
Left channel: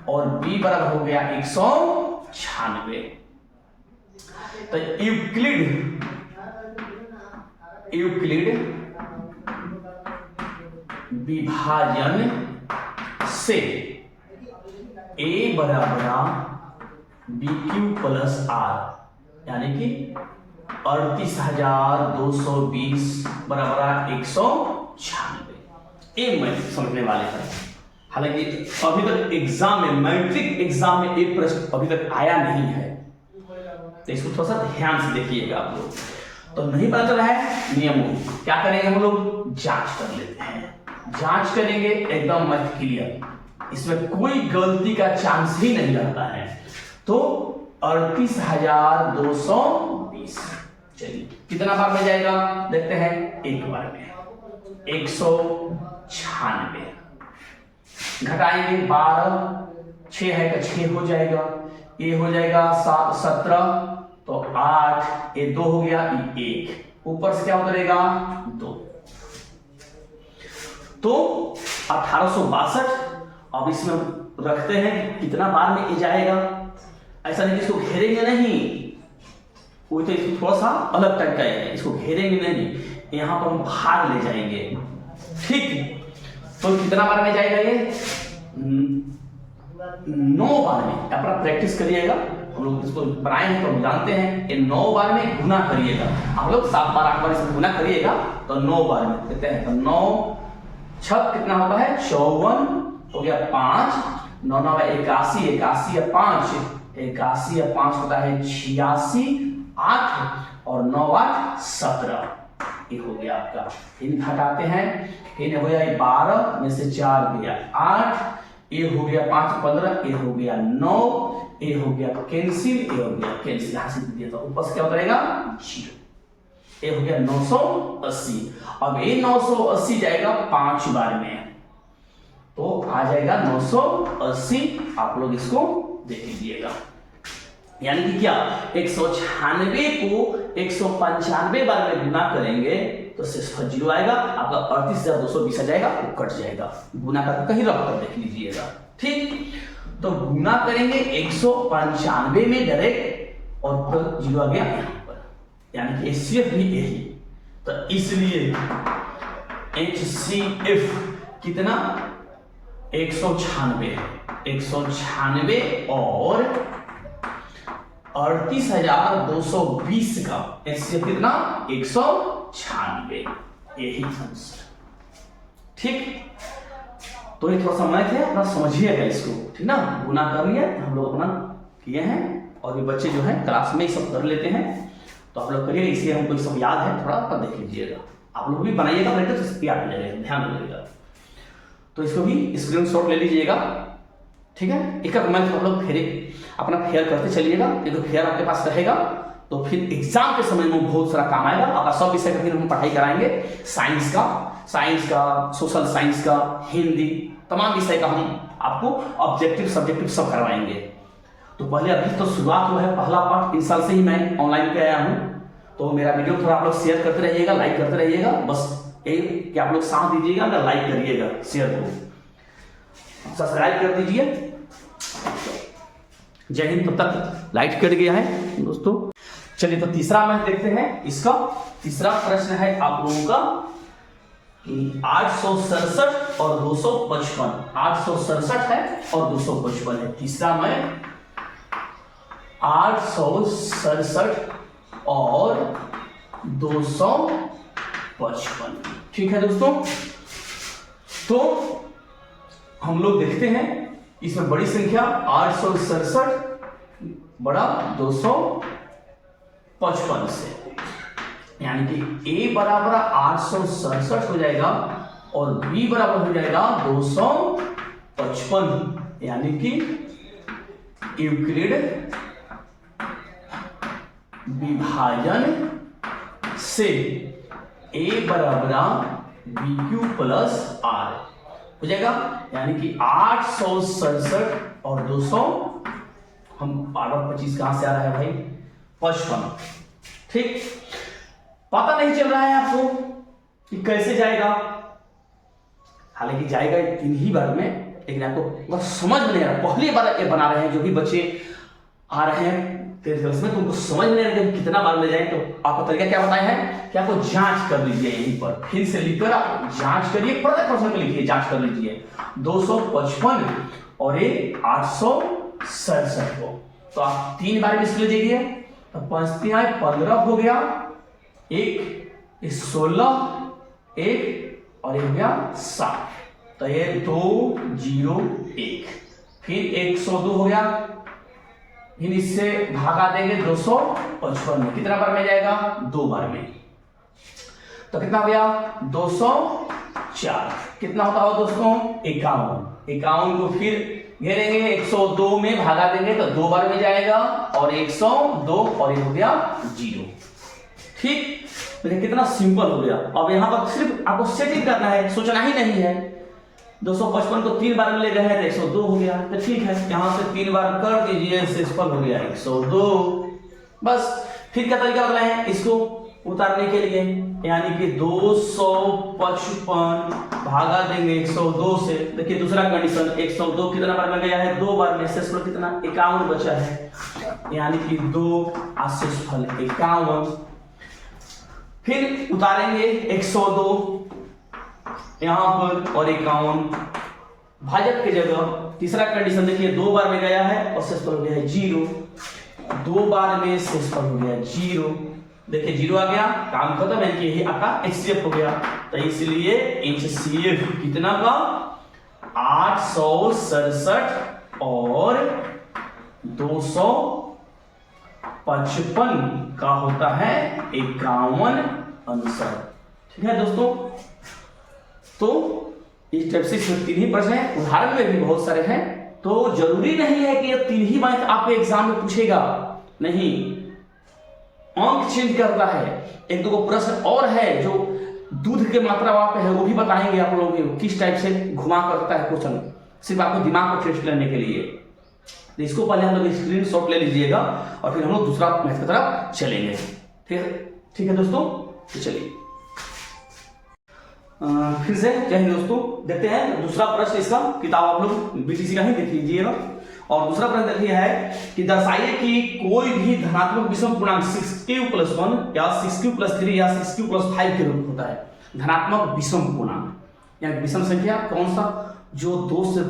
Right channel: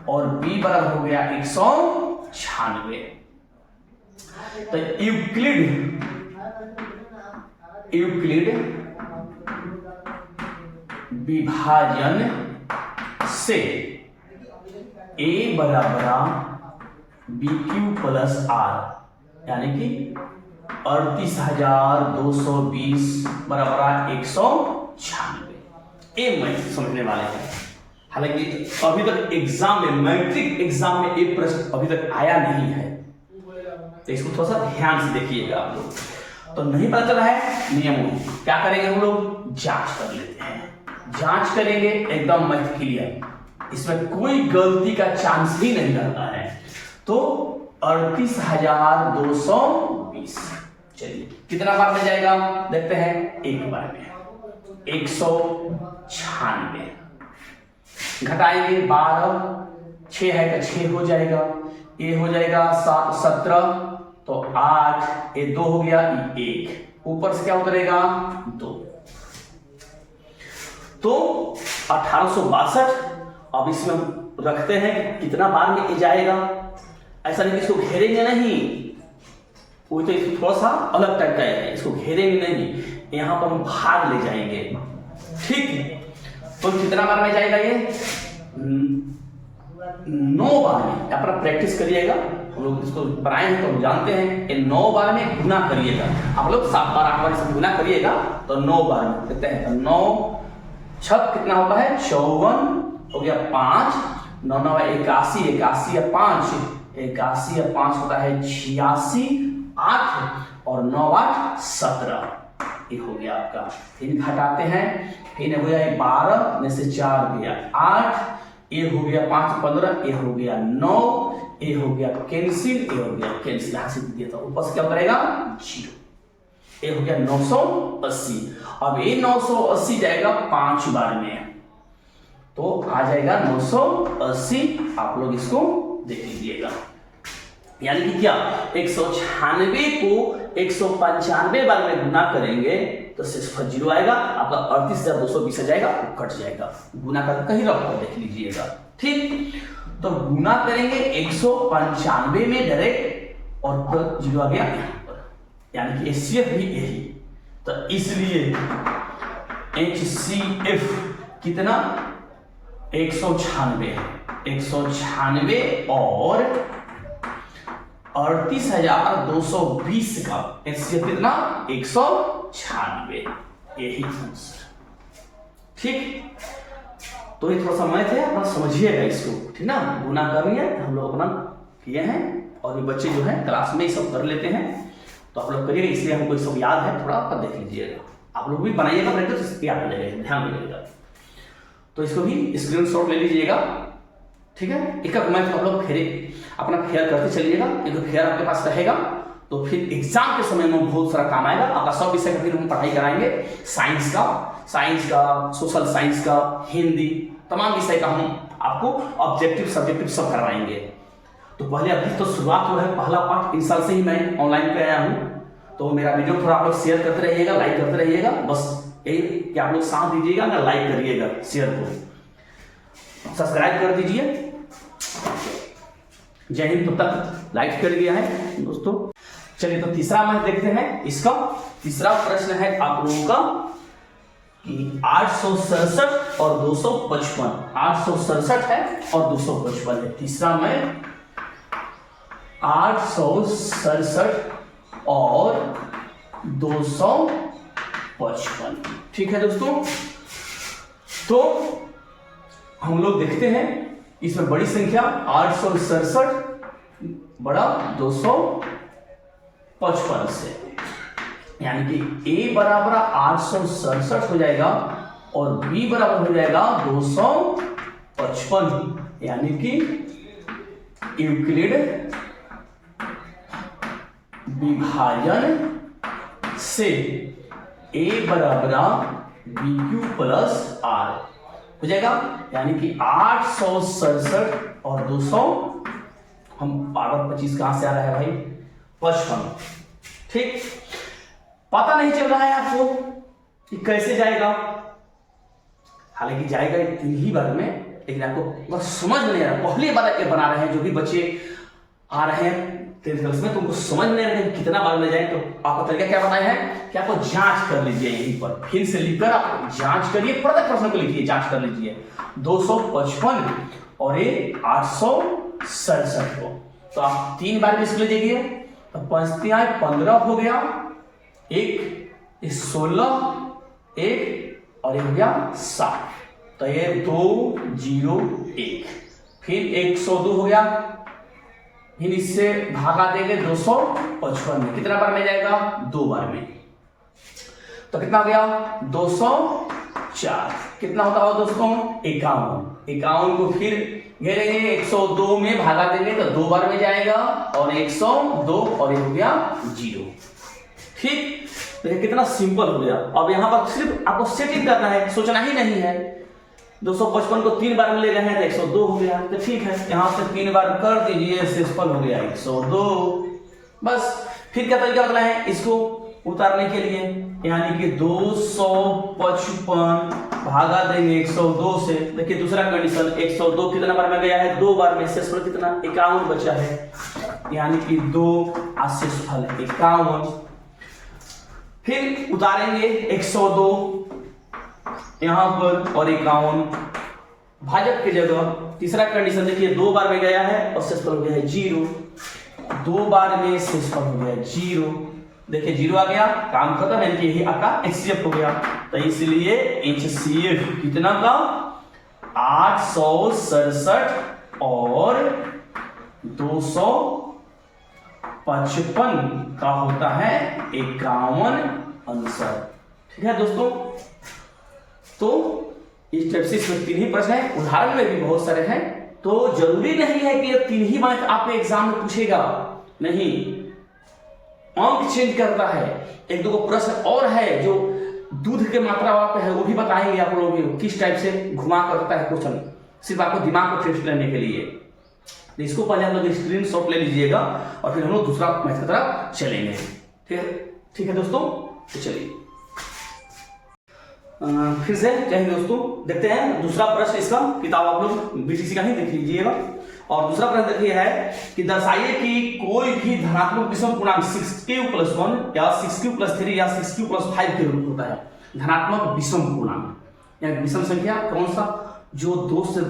और b बराबर हो गया 196। तो यूक्लिड विभाजन से a बराबर BQ प्लस R, यानी कि 38,220 बराबर 196। ये मैथ समझने वाले हैं। हालांकि अभी तक एग्जाम में, मैट्रिक एग्जाम में एक प्रश्न अभी तक आया नहीं है, तो इसको थोड़ा सा ध्यान से देखिएगा आप लोग। तो नहीं पता चला है नियमों, क्या करेंगे हम लोग, जांच कर लेते हैं। जांच करेंगे एकदम मैथ क्लियर, इसमें कोई गलती का चांस ही नहीं रहता है। तो 38,220 चलिए कितना बार में जाएगा देखते हैं, एक बार में 196 घटाएंगे 12, 6 है तो 6 हो जाएगा, ये हो जाएगा 7 17, तो 8, ये 2 हो गया, 1 ऊपर से क्या उतरेगा 2, तो 1862। अब इसमें रखते हैं कितना बार में ये जाएगा, ऐसा नहीं इसको घेरेंगे नहीं, वो तो इसको थोड़ा सा अलग टाइप का है, इसको घेरेंगे नहीं, यहां पर हम भाग ले जाएंगे। ठीक, तो कितना बार में जाएगा ये, 9 बार में। अपना प्रैक्टिस करिएगा, हम लोग इसको बनाए हैं तो हम जानते हैं, ये 9 बार में गुना करिएगा। आप लोग 7 बार 8 बार इसे गुना करिएगा तो 9 बार में देखते हैं। तो 9 6 कितना होता है 54 हो गया, 5 9 9 81, 81 या 5 81 या 5 होता है 86, 8 और 9 8 17, ये हो गया आपका। फिर घटाते हैं, फिर हो गया 12 में से 4 गया 8, ये हो गया 5 15, ये हो गया 9, ये हो गया कैंसिल, ये हो गया कैंसिल, यहां से दिया था ऊपर से क्या उतरेगा 0, ये हो गया 980। अब ये 980 जाएगा 5 बार में, तो आ जाएगा 980। आप लोग इसको देख लीजिएगा, यानी कि क्या 196 को 195 बार में गुना करेंगे तो सिर्फ 0 आएगा, आपका 38,220 आ जाएगा, वो कट जाएगा। गुना करके कहीं रख कर देख लीजिएगा। ठीक, तो गुना करेंगे 195 में डायरेक्ट और 0 आ गया यहां पर, यानी कि HCF भी यही, तो इसलिए HCF कितना 196 और 38,220 का HCF कितना 196, यही आंसर। ठीक, तो ये थोड़ा सा मैथ है, अपना समझिएगा इसको, ठीक ना। गुना करनी है हम लोग अपना किए हैं, और ये बच्चे जो है क्लास में ही सब कर लेते हैं, तो आप लोग करिएगा, इसलिए हमको सब याद है, थोड़ा सा देख लीजिएगा। आप लोग भी बनाइएगा प्रैक्टिस, याद आ जाएगा, ध्यान रखिएगा। तो इसको भी स्क्रीनशॉट ले लीजिएगा, ठीक है। एक एक मैथ आप लोग फिर अपना फेयर करते चलिएगा, देखो फेयर आपके पास रहेगा तो फिर एग्जाम के समय में बहुत सारा काम आएगा। आपका सब विषय का फिर हम पढ़ाई कराएंगे, साइंस का, सोशल साइंस का, हिंदी, तमाम विषय का हम आपको ऑब्जेक्टिव सब्जेक्टिव सब करवाएंगे। तो पहले अभी तो शुरुआत हुआ है, पहला पार्ट 3 साल से ही मैं ऑनलाइन पे आया हूँ, तो मेरा वीडियो थोड़ा आप लोग शेयर करते रहिएगा, लाइक करते रहिएगा, बस यही कि आप लोग साथ दीजिएगा ना, लाइक करिएगा, शेयर को सब्सक्राइब कर दीजिए। जय हिंद। तब तक लाइक कर गया है दोस्तों। चलिए तो तीसरा मैथ देखते हैं। इसका तीसरा प्रश्न है आप लोगों का कि 867 और 255, 867 है और 255 है। तीसरा मैथ 867 और 255। ठीक है दोस्तों, तो हम लोग देखते हैं इसमें बड़ी संख्या 867 बड़ा 255 से, यानी कि a बराबर 867 हो जाएगा और b बराबर हो जाएगा 255, यानी कि यूक्लिड विभाजन से a बराबर BQ प्लस R हो जाएगा, यानी कि 867 और 200, हम पावर 25 कहां से आ रहा है भाई, 55। ठीक, पता नहीं चल रहा है आपको कि कैसे जाएगा, हालांकि जाएगा तीन ही बार में, लेकिन आपको बस समझ में नहीं आ रहा। पहली बार ये बना रहे हैं, जो भी बच्चे आ रहे हैं 10th क्लास में, तो उनको समझ में नहीं आ रहा है कितना बार में जाए। तो आपका तरीका क्या बताया है कि आपको जांच कर लीजिए, यहीं पर फिर से लिखकर आप जांच करिए, प्रत्येक प्रश्न को लिखिए, जांच कर लीजिए 255 और ये 867 को। तो आप 3 बार में इसको ले जाइए, तो 5 × 15 हो गया, एक 16, एक और ये हो गया 7, तो ये 201, फिर 102 हो गया, फिर इससे भागा देंगे 255 में, कितना बार में जाएगा, 2 बार में, तो कितना हो गया 204, कितना होता है दोस्तों 51 को फिर घेरेंगे 102 में भागा देंगे तो 2 बार में जाएगा और 102 और ये हो गया 0। ठीक, तो कितना सिंपल हो गया। अब यहाँ पर सिर्फ आपको सेटिंग करना है, सोचना ही नहीं है। 255 को 3 बार में ले गए हैं तो 102 हो गया, तो ठीक है, यहाँ से 3 बार कर दीजिए, शेषफल हो गया 102। बस फिर क्या तरीका बताना है इसको उतारने के लिए, यानी कि 255 भागा देंगे 102 से। देखिए दूसरा कंडीशन, 102 कितना बार में गया है, 2 बार में, शेषफल कितना 51 बचा है, यानी कि 2 शेषफल 51। फिर उतारेंगे 102 यहां पर और 51 भाजक की जगह। तीसरा कंडीशन देखिए, 2 बार में गया है और शेषफल हो गया है 0, 2 बार में शेषफल हो गया 0। देखिए 0 आ गया, काम खत्म, यानी कि यही आपका HCF हो गया। तो इसलिए HCF कितना का 867 और 255 का होता है 51 आंसर। ठीक है दोस्तों, तो इस टाइप से इसमें 3 ही प्रश्न है, उदाहरण में भी बहुत सारे हैं, तो जरूरी नहीं है कि ये 3 ही मार्क आपके एग्जाम में पूछेगा, नहीं, अंक चेंज करता है। 1-2 प्रश्न और है जो दूध के मात्रा वहां पे है, वो भी बताएंगे आप लोगों को किस टाइप से घुमा करता है क्वेश्चन, सिर्फ आपको दिमाग को टेस्ट करने के लिए। तो इसको पहले हम लोग स्क्रीनशॉट ले लीजिएगा और फिर हम लोग दूसरा मैथ की तरफ चलेंगे। ठीक है दोस्तों, तो चलिए फिर से कहेंगे दोस्तों, देखते हैं दूसरा प्रश्न। इसका किताब आप लोग BTC का ही देख लीजिएगा। और दूसरा प्रश्न देखिए है कि दर्शाइए कि कोई भी धनात्मक विषम पूर्णांक 6q+1 या 6q+3 या 6q+5 के रूप होता है। धनात्मक विषम पूर्णांक यानी विषम संख्या कौन सा, जो 2 से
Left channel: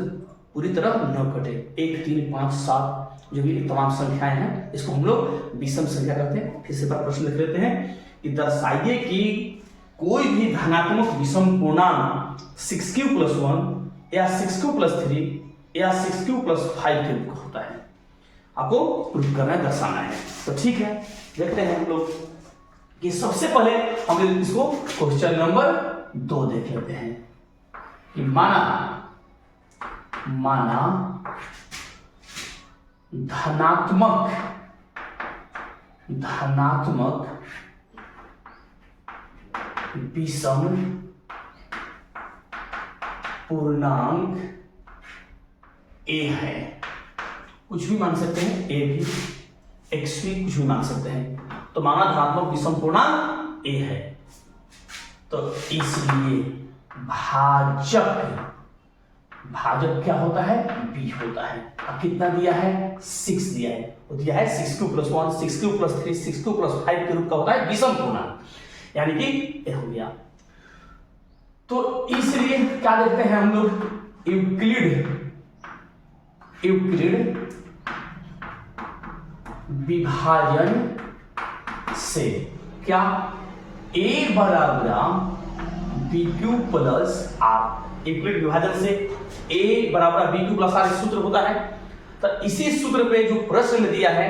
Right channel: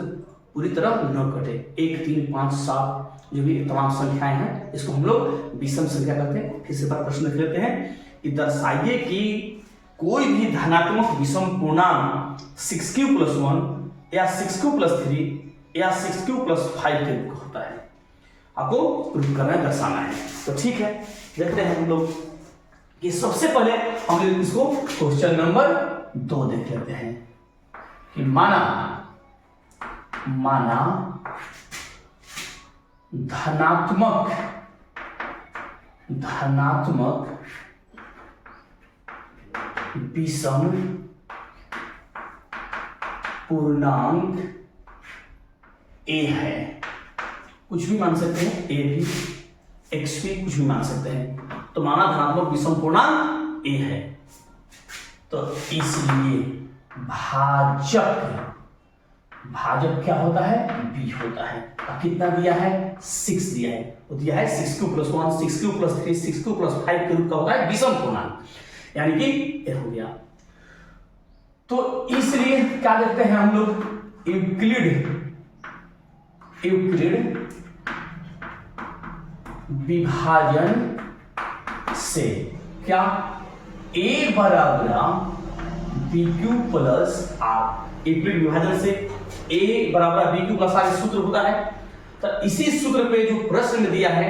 पूरी तरह न कटे, 1, 3, 5, 7 जो भी तमाम संख्याएं हैं, इसको हम लोग विषम संख्या कहते हैं। फिर से प्रश्न लिख लेते हैं कि दर्शाइए कि कोई भी धनात्मक विषम पूर्णांक 6q+1 या 6q+3 या 6q+5 के रूप होता है। आपको प्रूव करना है, दर्शाना है। तो ठीक है, देखते हैं हम लोग कि सबसे पहले हम लोग इसको क्वेश्चन नंबर 2 देख लेते हैं कि माना धनात्मक विषम पूर्णांक a है, कुछ भी मान सकते हैं, a भी x भी कुछ भी मान सकते हैं। तो माना धनात्मक विषम पूर्णांक a है, तो इसलिए भाजक क्या होता है, b होता है। अब कितना दिया है, 6 दिया है, तो दिया है 6q+1 6q+3 6q+5 के रूप का होता है विषम पूर्णांक, यानी कि ये हो गया। तो इसलिए क्या देखते हैं हम लोग, यूक्लिड विभाजन से क्या ए बराबर B Q plus R. Euclid विभाजन से ए बराबर बी क्यू प्लस आर सूत्र होता है। तो इसी सूत्र पे जो प्रश्न में दिया है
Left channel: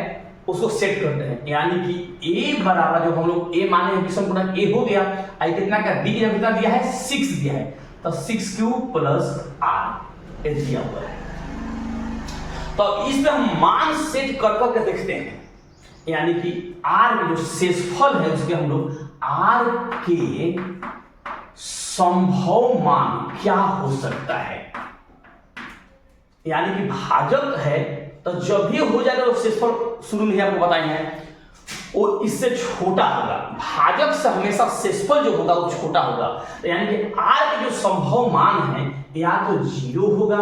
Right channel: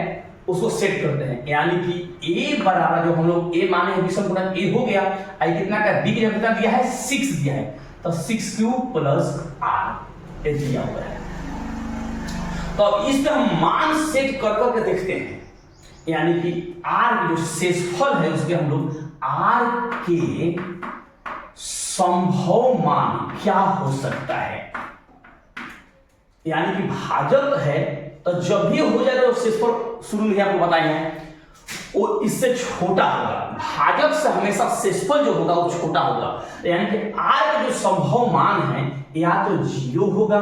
उसको सेट करते हैं, यानी कि ए बराबर जो हम लोग ए माने हैं विषम पूर्णांक ए हो गया, आई कितना का बी की जगह कितना दिया है 6 दिया है, तो 6q प्लस आर ए दिया हुआ है। तो इस पे हम मान सेट कर करके देखते हैं, यानी कि r के जो शेषफल है उसके हम लोग r के संभव मान क्या हो सकता है, यानी कि भाजक है तो जब भी हो जाएगा तो शेषफल शुरू में आपको बताए हैं वो इससे छोटा होगा, भाजक से हमेशा शेषफल जो होगा वो छोटा होगा, यानी कि r के जो संभव मान है या तो 0 होगा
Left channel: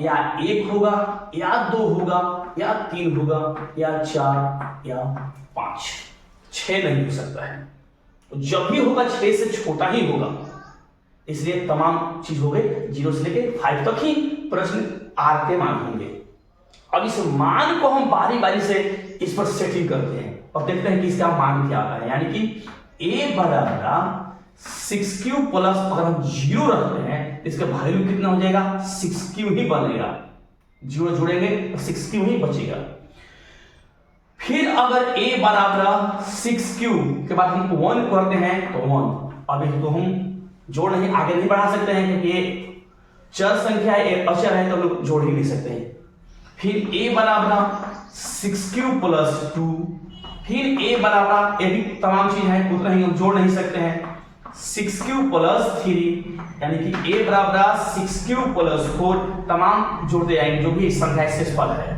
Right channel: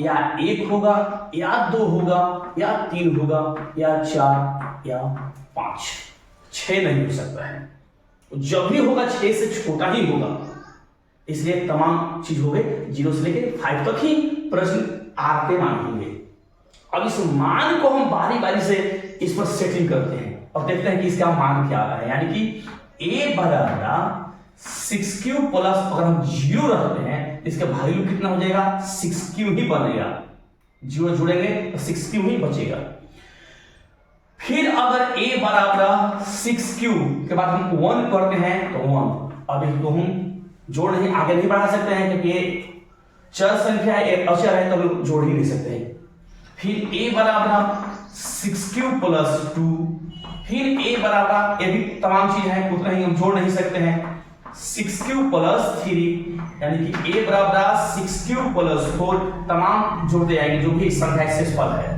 या 1 होगा या 2 होगा या 3 होगा या 4 या 5, 6 नहीं हो सकता है, जब भी होगा 6 से छोटा ही होगा, इसलिए तमाम चीज हो गए 0 से लेके 5 तक ही प्रश्न r के मान होंगे। अब इस मान को हम बारी बारी से इस पर सेटिंग करते हैं और देखते हैं कि इसका मान क्या आता है, यानी कि a बराबर 6q प्लस अगर हम 0 रखते हैं इसका वैल्यू कितना हो जाएगा 6q ही बनेगा, 0 जुड़ेंगे तो 6q ही बचेगा। फिर अगर a बराबर 6q के बाद हम 1 करते हैं तो 1, अब इसको हम जोड़ नहीं आगे नहीं बढ़ा सकते हैं क्योंकि ये चर संख्या है, एक अचर है तो हम लोग जोड़ ही नहीं सकते हैं। फिर a बराबर 6q प्लस 2, फिर a बराबर, ये भी तमाम चीज है उतना ही हम जोड़ नहीं सकते हैं, 6q प्लस 3, यानी कि a बराबर 6q प्लस 4, तमाम जोड़ते जाएंगे जो भी संख्या शेषफल है।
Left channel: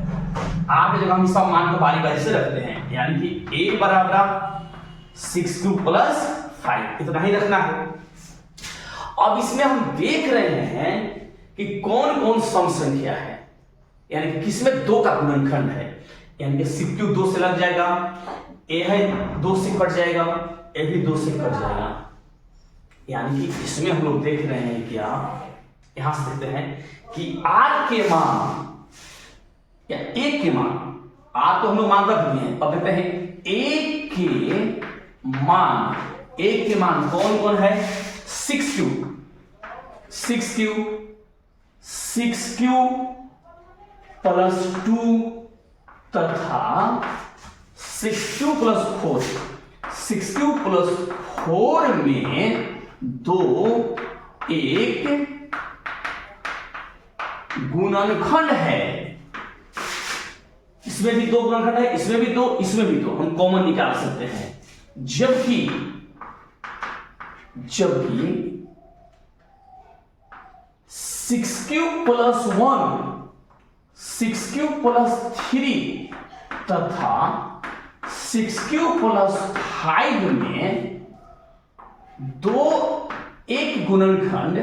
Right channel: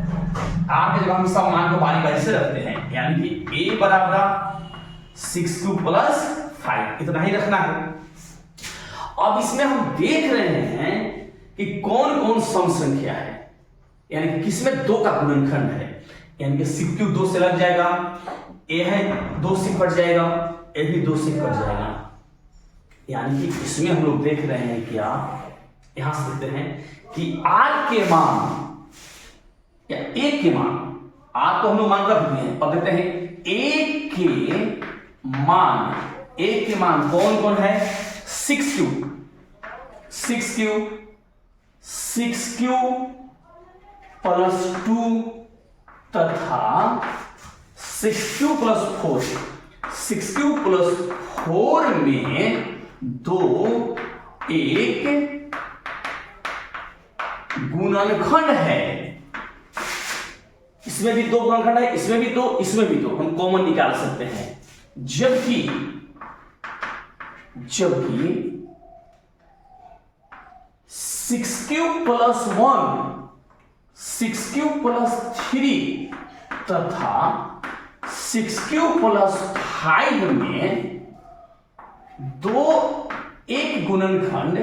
आगे जगह हम सब मान को बारी बारी से रखते हैं, यानी कि a बराबर 6q प्लस 5 इतना ही रखना है। अब इसमें हम देख रहे हैं कि कौन कौन सम संख्या है, यानी कि किसमें 2 का गुणनखंड है, यानी कि 6q 2 से लग जाएगा, a है 2 से कट जाएगा, a भी 2 से कट जाएगा, यानी कि इसमें हम लोग देख रहे हैं क्या, यहां से देखते हैं कि r के मान या a के मान, r तो हम लोग मान रख दिए हैं, अब देखते हैं a के मान कौन कौन है, 6q 6q प्लस 2 तथा 6q प्लस 4, 6q प्लस 4 में 2 एक गुणनखंड है, इसमें भी 2 गुणनखंड है, इसमें भी 2, इसमें भी 2, हम कॉमन निकाल सकते हैं। जबकि 6q प्लस 1, 6q प्लस 3 तथा 6q प्लस 5 में 2 एक गुणनखंड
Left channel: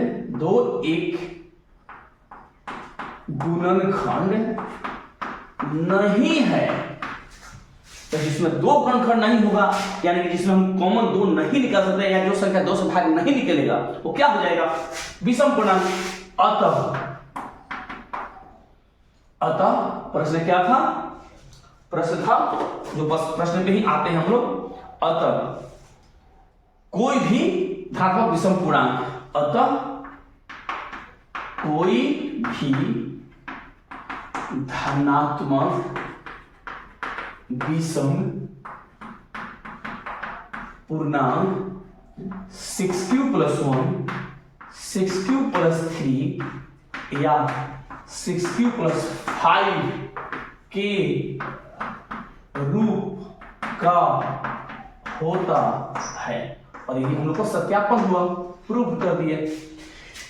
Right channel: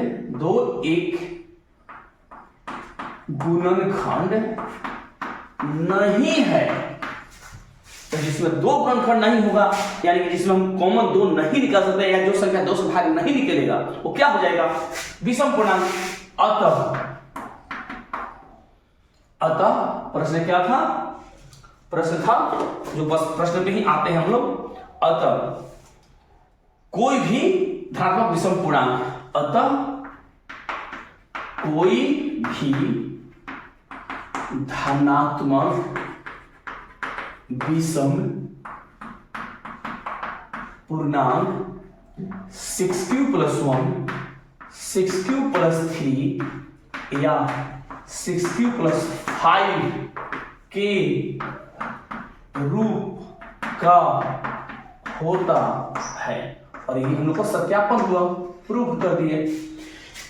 नहीं है, तो जिसमें 2 गुणनखंड नहीं होगा, यानी कि जिसमें हम कॉमन 2 नहीं निकाल सकते या जो संख्या 2 से भाग नहीं निकलेगा वो क्या हो जाएगा, विषम पूर्णांक। अतः प्रश्न क्या था, प्रश्न था जो बस प्रश्न पे ही आते हैं हम लोग, अतः कोई भी धनात्मक विषम पूर्णांक, अतः कोई भी धनात्मक विषम पूर्णांक 6q प्लस 1, 6q प्लस 3 या 6q प्लस 5 के रूप का होता है, और ये हम लोग का सत्यापन हुआ, प्रूव कर दिए।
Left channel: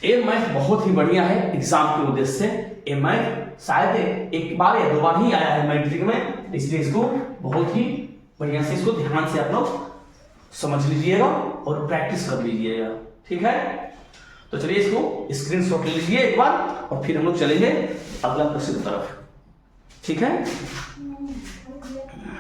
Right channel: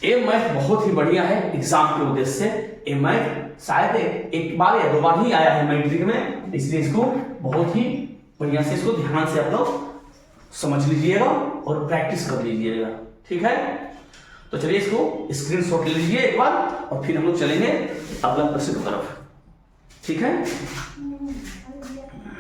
ये मैथ बहुत ही बढ़िया है एग्जाम के उद्देश्य से, ये मैथ शायद एक बार या 2 बार ही आया है मैट्रिक में, इसलिए इसको बहुत ही बढ़िया से इसको ध्यान से आप लोग समझ लीजिएगा और प्रैक्टिस कर लीजिएगा, ठीक है। तो चलिए इसको स्क्रीनशॉट ले लीजिए एक बार और फिर हम लोग चलेंगे अगला प्रश्न की तरफ, ठीक है।